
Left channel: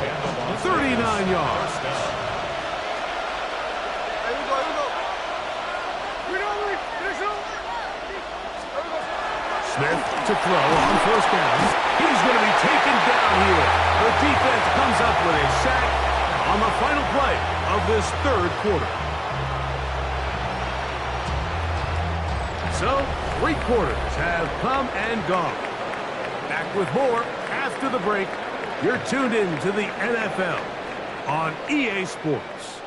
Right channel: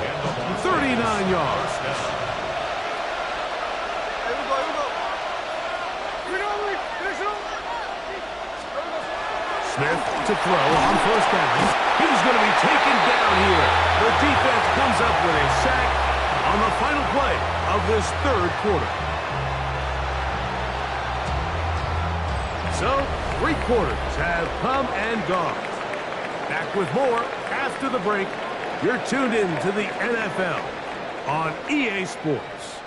39 yards. Smith to throw on first down. He's going to be taken down here. The defense comes up with a sack on the final play of this third quarter. So, 3 quarters have come and gone. Back with more after the break. You're tuned in to the NFL on EA Sports.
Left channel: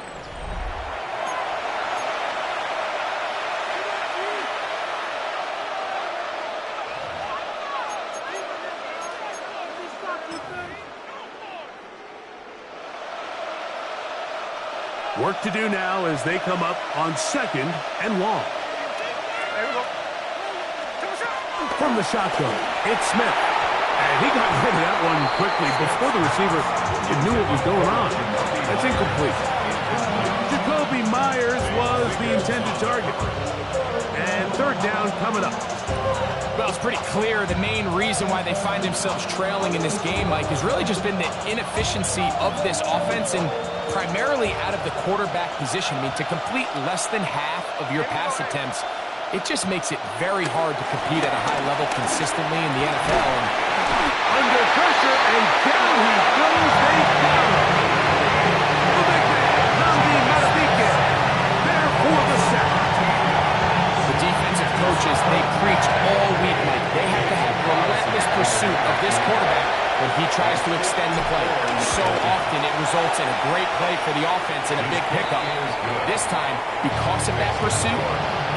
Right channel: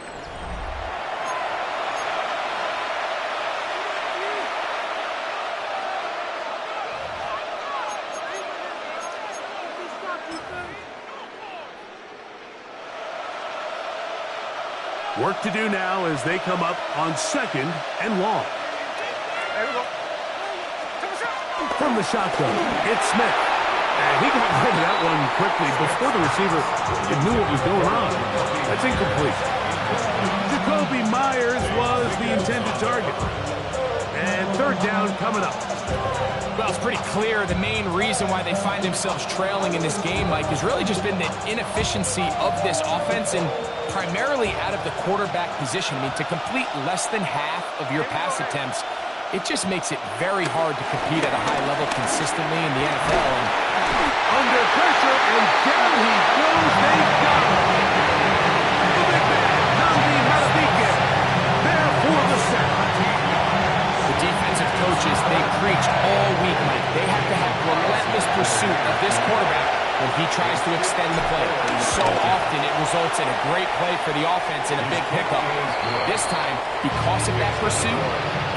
Work to do now as they come up on second and long. From the shotgun, it's Smith. And he got rid of that one quickly before the receiver knew what was going on. That's incomplete. Jacoby Myers was the intended target. And third down coming up. Well, it's pretty clear the main reason why they find themselves trailing in this game, Mike, has really just been the inefficiency of this offense and primarily out of the quarterback position. I mean, to complete less than half of your pass attempts, it just makes it very hard to compete at a high level consistently in the NFL. And under pressure, and down he goes. They got him. The big man, Namdi Matabike, there for the sack. the defensive coaches, they preach all week, Mike. They have to have relentless pursuit of this quarterback when he tries to extend the play. So often it results in a great play for the offense and a big pickup. This time, because of that pursuit,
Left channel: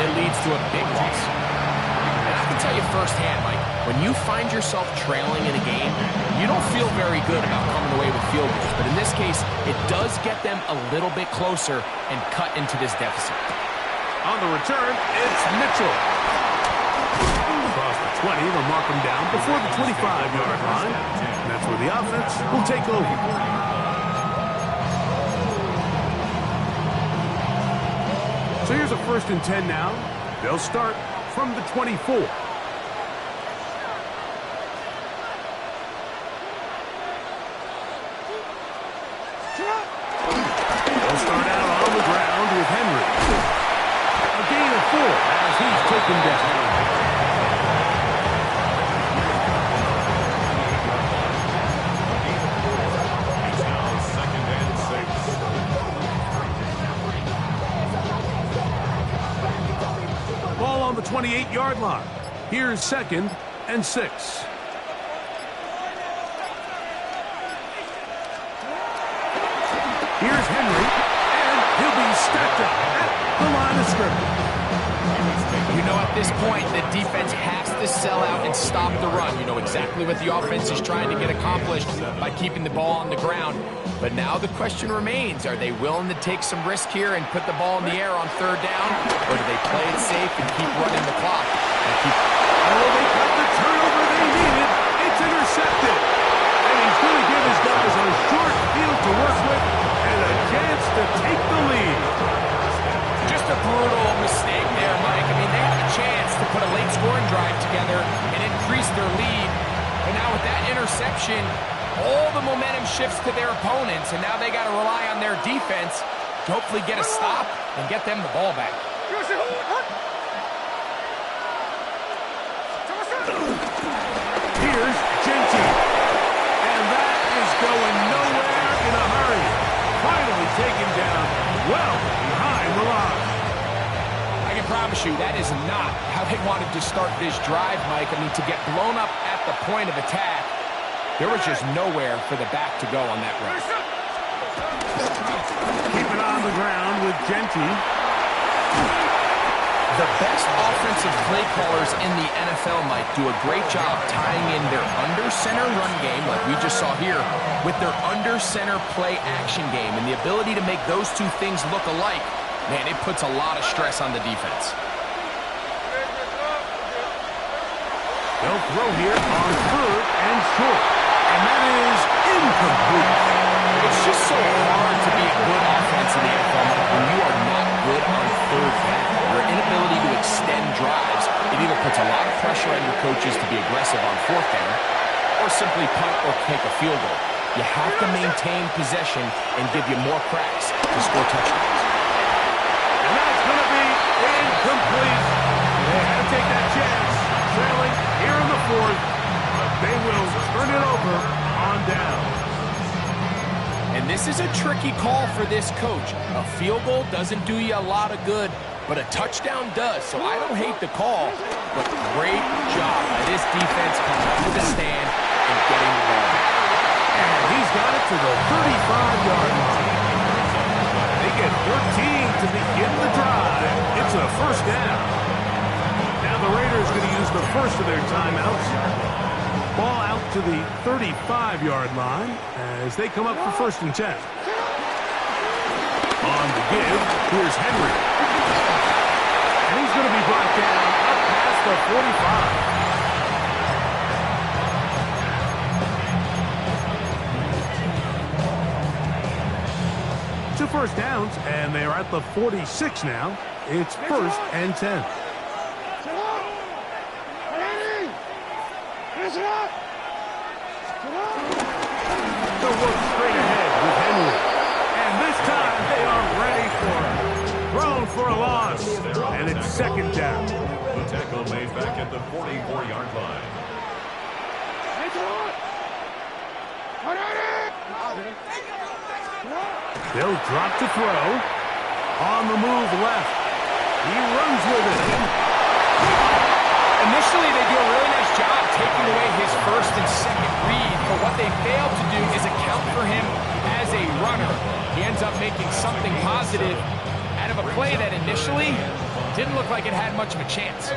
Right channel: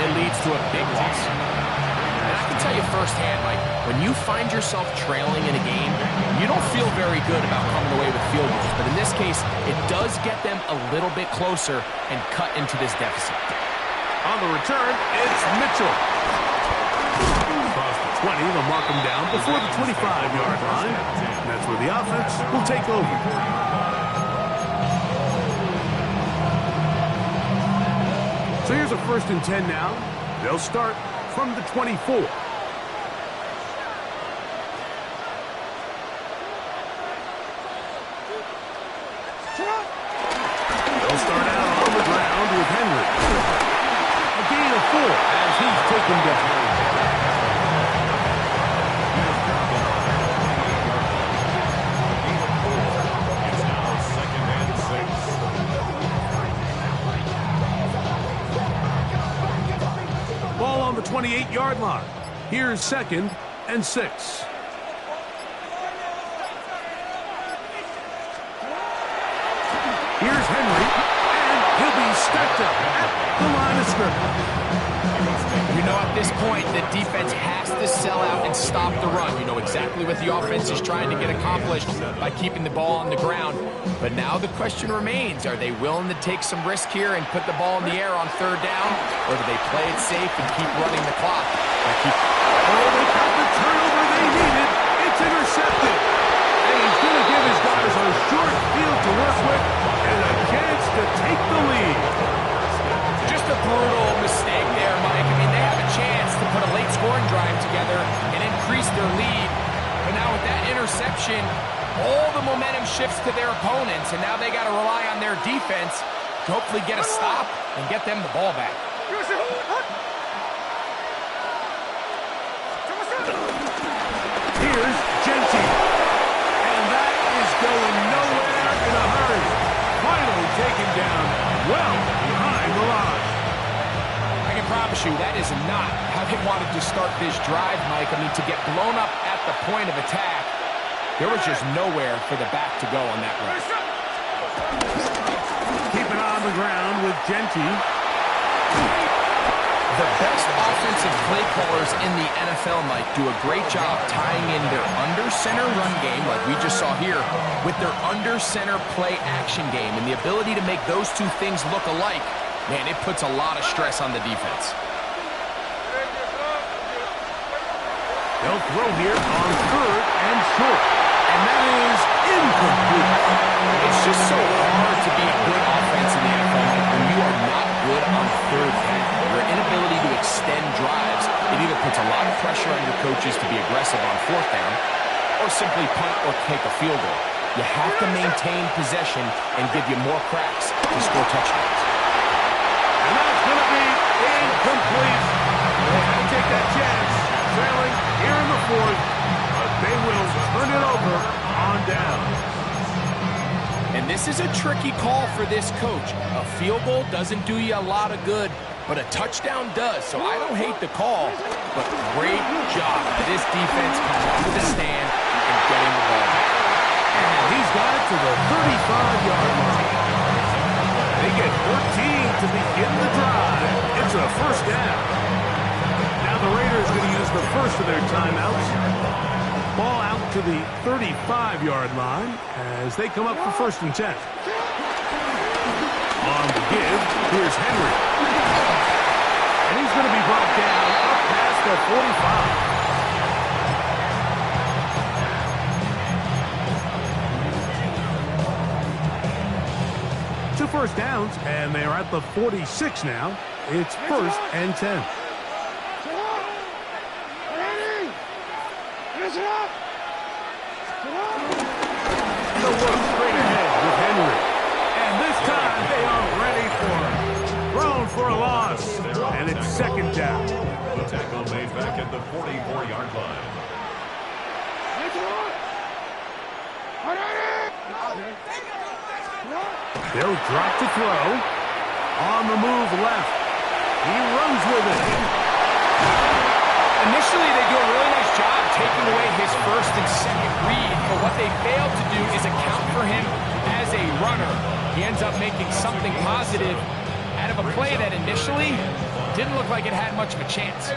it leads to a big loss. And I can tell you firsthand, Mike, when you find yourself trailing in a game, you don't feel very good about coming away with field goals. But in this case, it does get them a little bit closer and cut into this deficit. On the return, it's Mitchell. Across the 20, they'll mark him down before the 25-yard line. And that's where the offense will take over. So here's a 1st and 10 now. They'll start from the 24. They'll start out on the ground with Henry. A gain of 4 as he's taken down. It's now 2nd and 6. Ball on the 28-yard line. Here's 2nd and 6. Here's Henry, and he'll be stacked up at the line of scrimmage. You know, at this point, the defense has to sell out and stop the run. You know exactly what the offense is trying to get accomplished by keeping the ball on the ground. But now the question remains, are they willing to take some risk here and put the ball in the air on 3rd down? Or do they play it safe and keep running the clock? Oh, they got the turnover they needed. It's intercepted. And he's going to give his guys a short field to work with and a chance to take the lead. Just a brutal mistake there, Mike. I mean, they have a chance to put a late scoring drive together and increase their lead. But now with that interception, all the momentum shifts to their opponents, and now they got to rely on their defense to hopefully get a stop and get them the ball back. Here's Genty. And that is going nowhere in a hurry. Finally taken down well behind the line. I can promise you that is not how they wanted to start this drive, Mike. I mean, to get blown up at the point of attack, There was just nowhere for the back to go on that run. Keep it on the ground with Genty. The best offensive play callers in the NFL, Mike, do a great job tying in their under-center run game, like we just saw here, with their under-center play action game. And the ability to make those two things look alike, man, it puts a lot of stress on the defense. They'll throw here on 3rd and short. And that is incomplete. It's just so hard to be a good offense in the NFL, Mike, when you are not good on 3rd down. Your inability to extend drives, it either puts a lot of pressure on your coaches to be aggressive on 4th down, or simply punt or take a field goal. You have to maintain possession and give you more cracks to score touchdowns. And that's going to be incomplete. They had to take that chance, trailing here in the 4th, but they will turn it over on down. And this is a tricky call for this coach. A field goal doesn't do you a lot of good, but a touchdown does. So I don't hate the call, but great job by this defense coming up with a stand and getting the ball back. And he's got it to the 35-yard line. They get 13 to begin the drive. It's a 1st down. Now the Raiders are going to use the first of their timeouts. Ball out to the 35-yard line as they come up for 1st and 10. On the give, here's Henry. And he's going to be brought down up past the 45. 2 first downs, and they are at the 46 now. It's 1st and 10. The work straight ahead with Henry. And this time they are ready for it. Thrown for a loss. And it's 2nd down. The tackle made back at the 44-yard line. They'll drop to throw. On the move left. He runs with it. Initially, they do a really nice job taking away his 1st and 2nd read, but what they failed to do is account for him as a runner. He ends up making something positive out of a play that initially didn't look like it had much of a chance.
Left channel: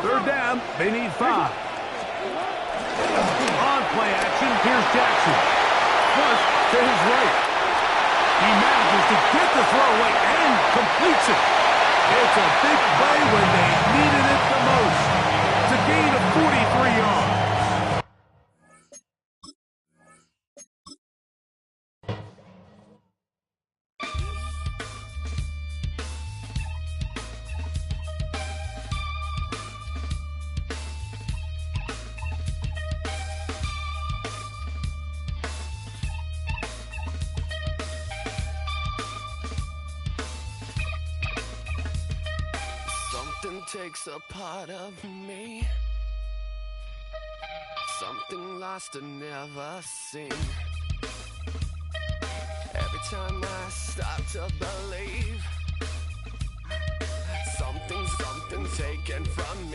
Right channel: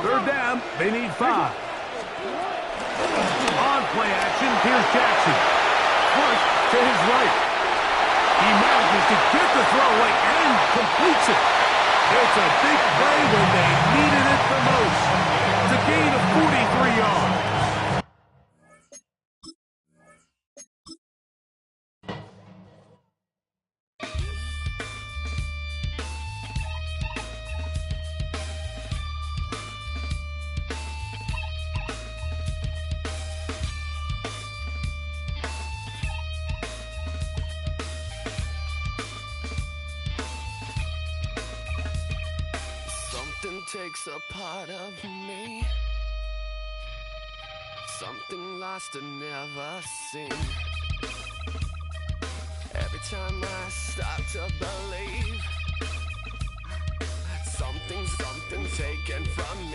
3rd down, they need 5. On play action, here's Jackson. Flush to his right. He manages to get the throw away and completes it. It's a big play when they needed it the most. It's a gain of 43 yards. Something takes a part of me, something lost and never seen. Every time I start to believe, something taken from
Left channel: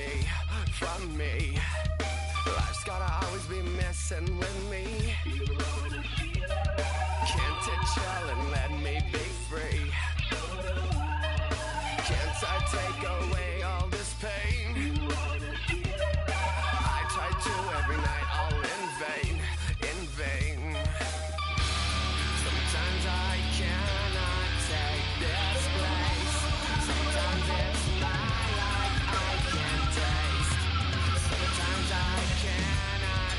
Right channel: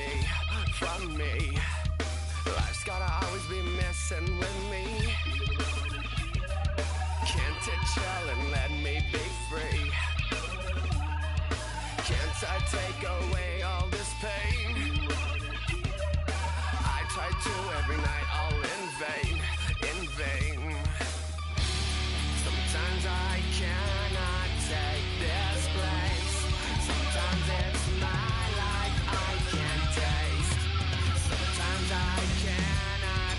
me. Life's gotta always be messing with me. Can't it chill and let me be free? Can't I take away all this pain? I try to every night, all in vain. Sometimes I cannot take this place. Sometimes it's my life I can't taste. Sometimes I cannot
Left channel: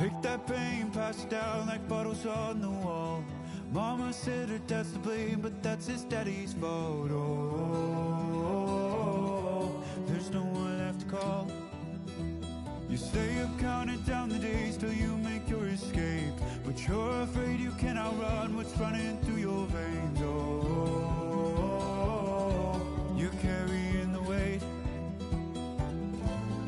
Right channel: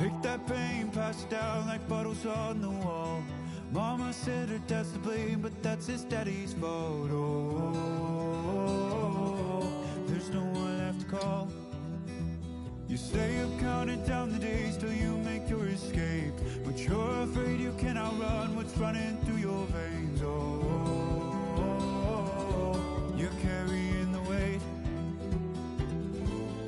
Take that pain, pass it down like bottles on the wall. Mama said her dad's to blame, but that's his daddy's fault. Oh, there's no one left to call. You stay up counting down the days till you make your escape, but you're afraid you cannot run what's running through your veins. Oh, you're carrying the weight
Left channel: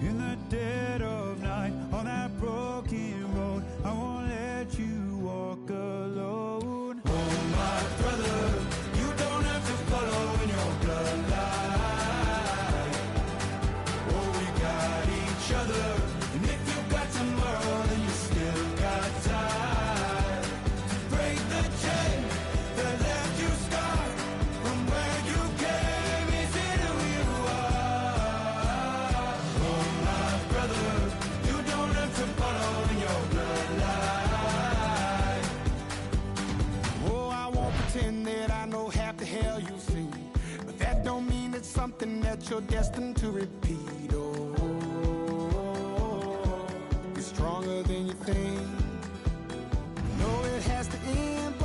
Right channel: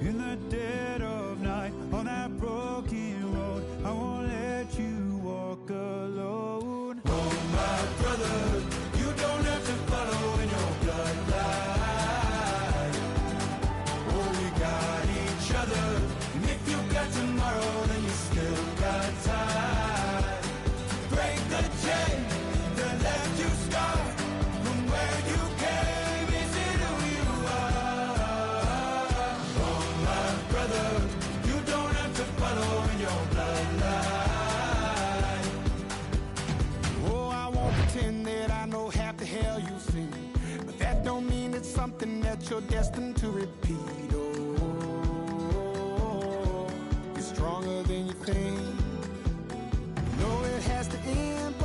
in the dead of night on that broken road. I won't let you walk alone. Oh, my brother, you don't have to follow in your bloodline. Oh, we got each other, and if you got tomorrow, then you still got time to break the chain that left you scarred from where you came into who you are. Oh, my brother, you don't have to follow in your bloodline. Oh, I won't pretend that I know half the hell you've seen, but that don't mean it's something that you're destined to repeat. Oh, you're stronger than you think. No, it has to end,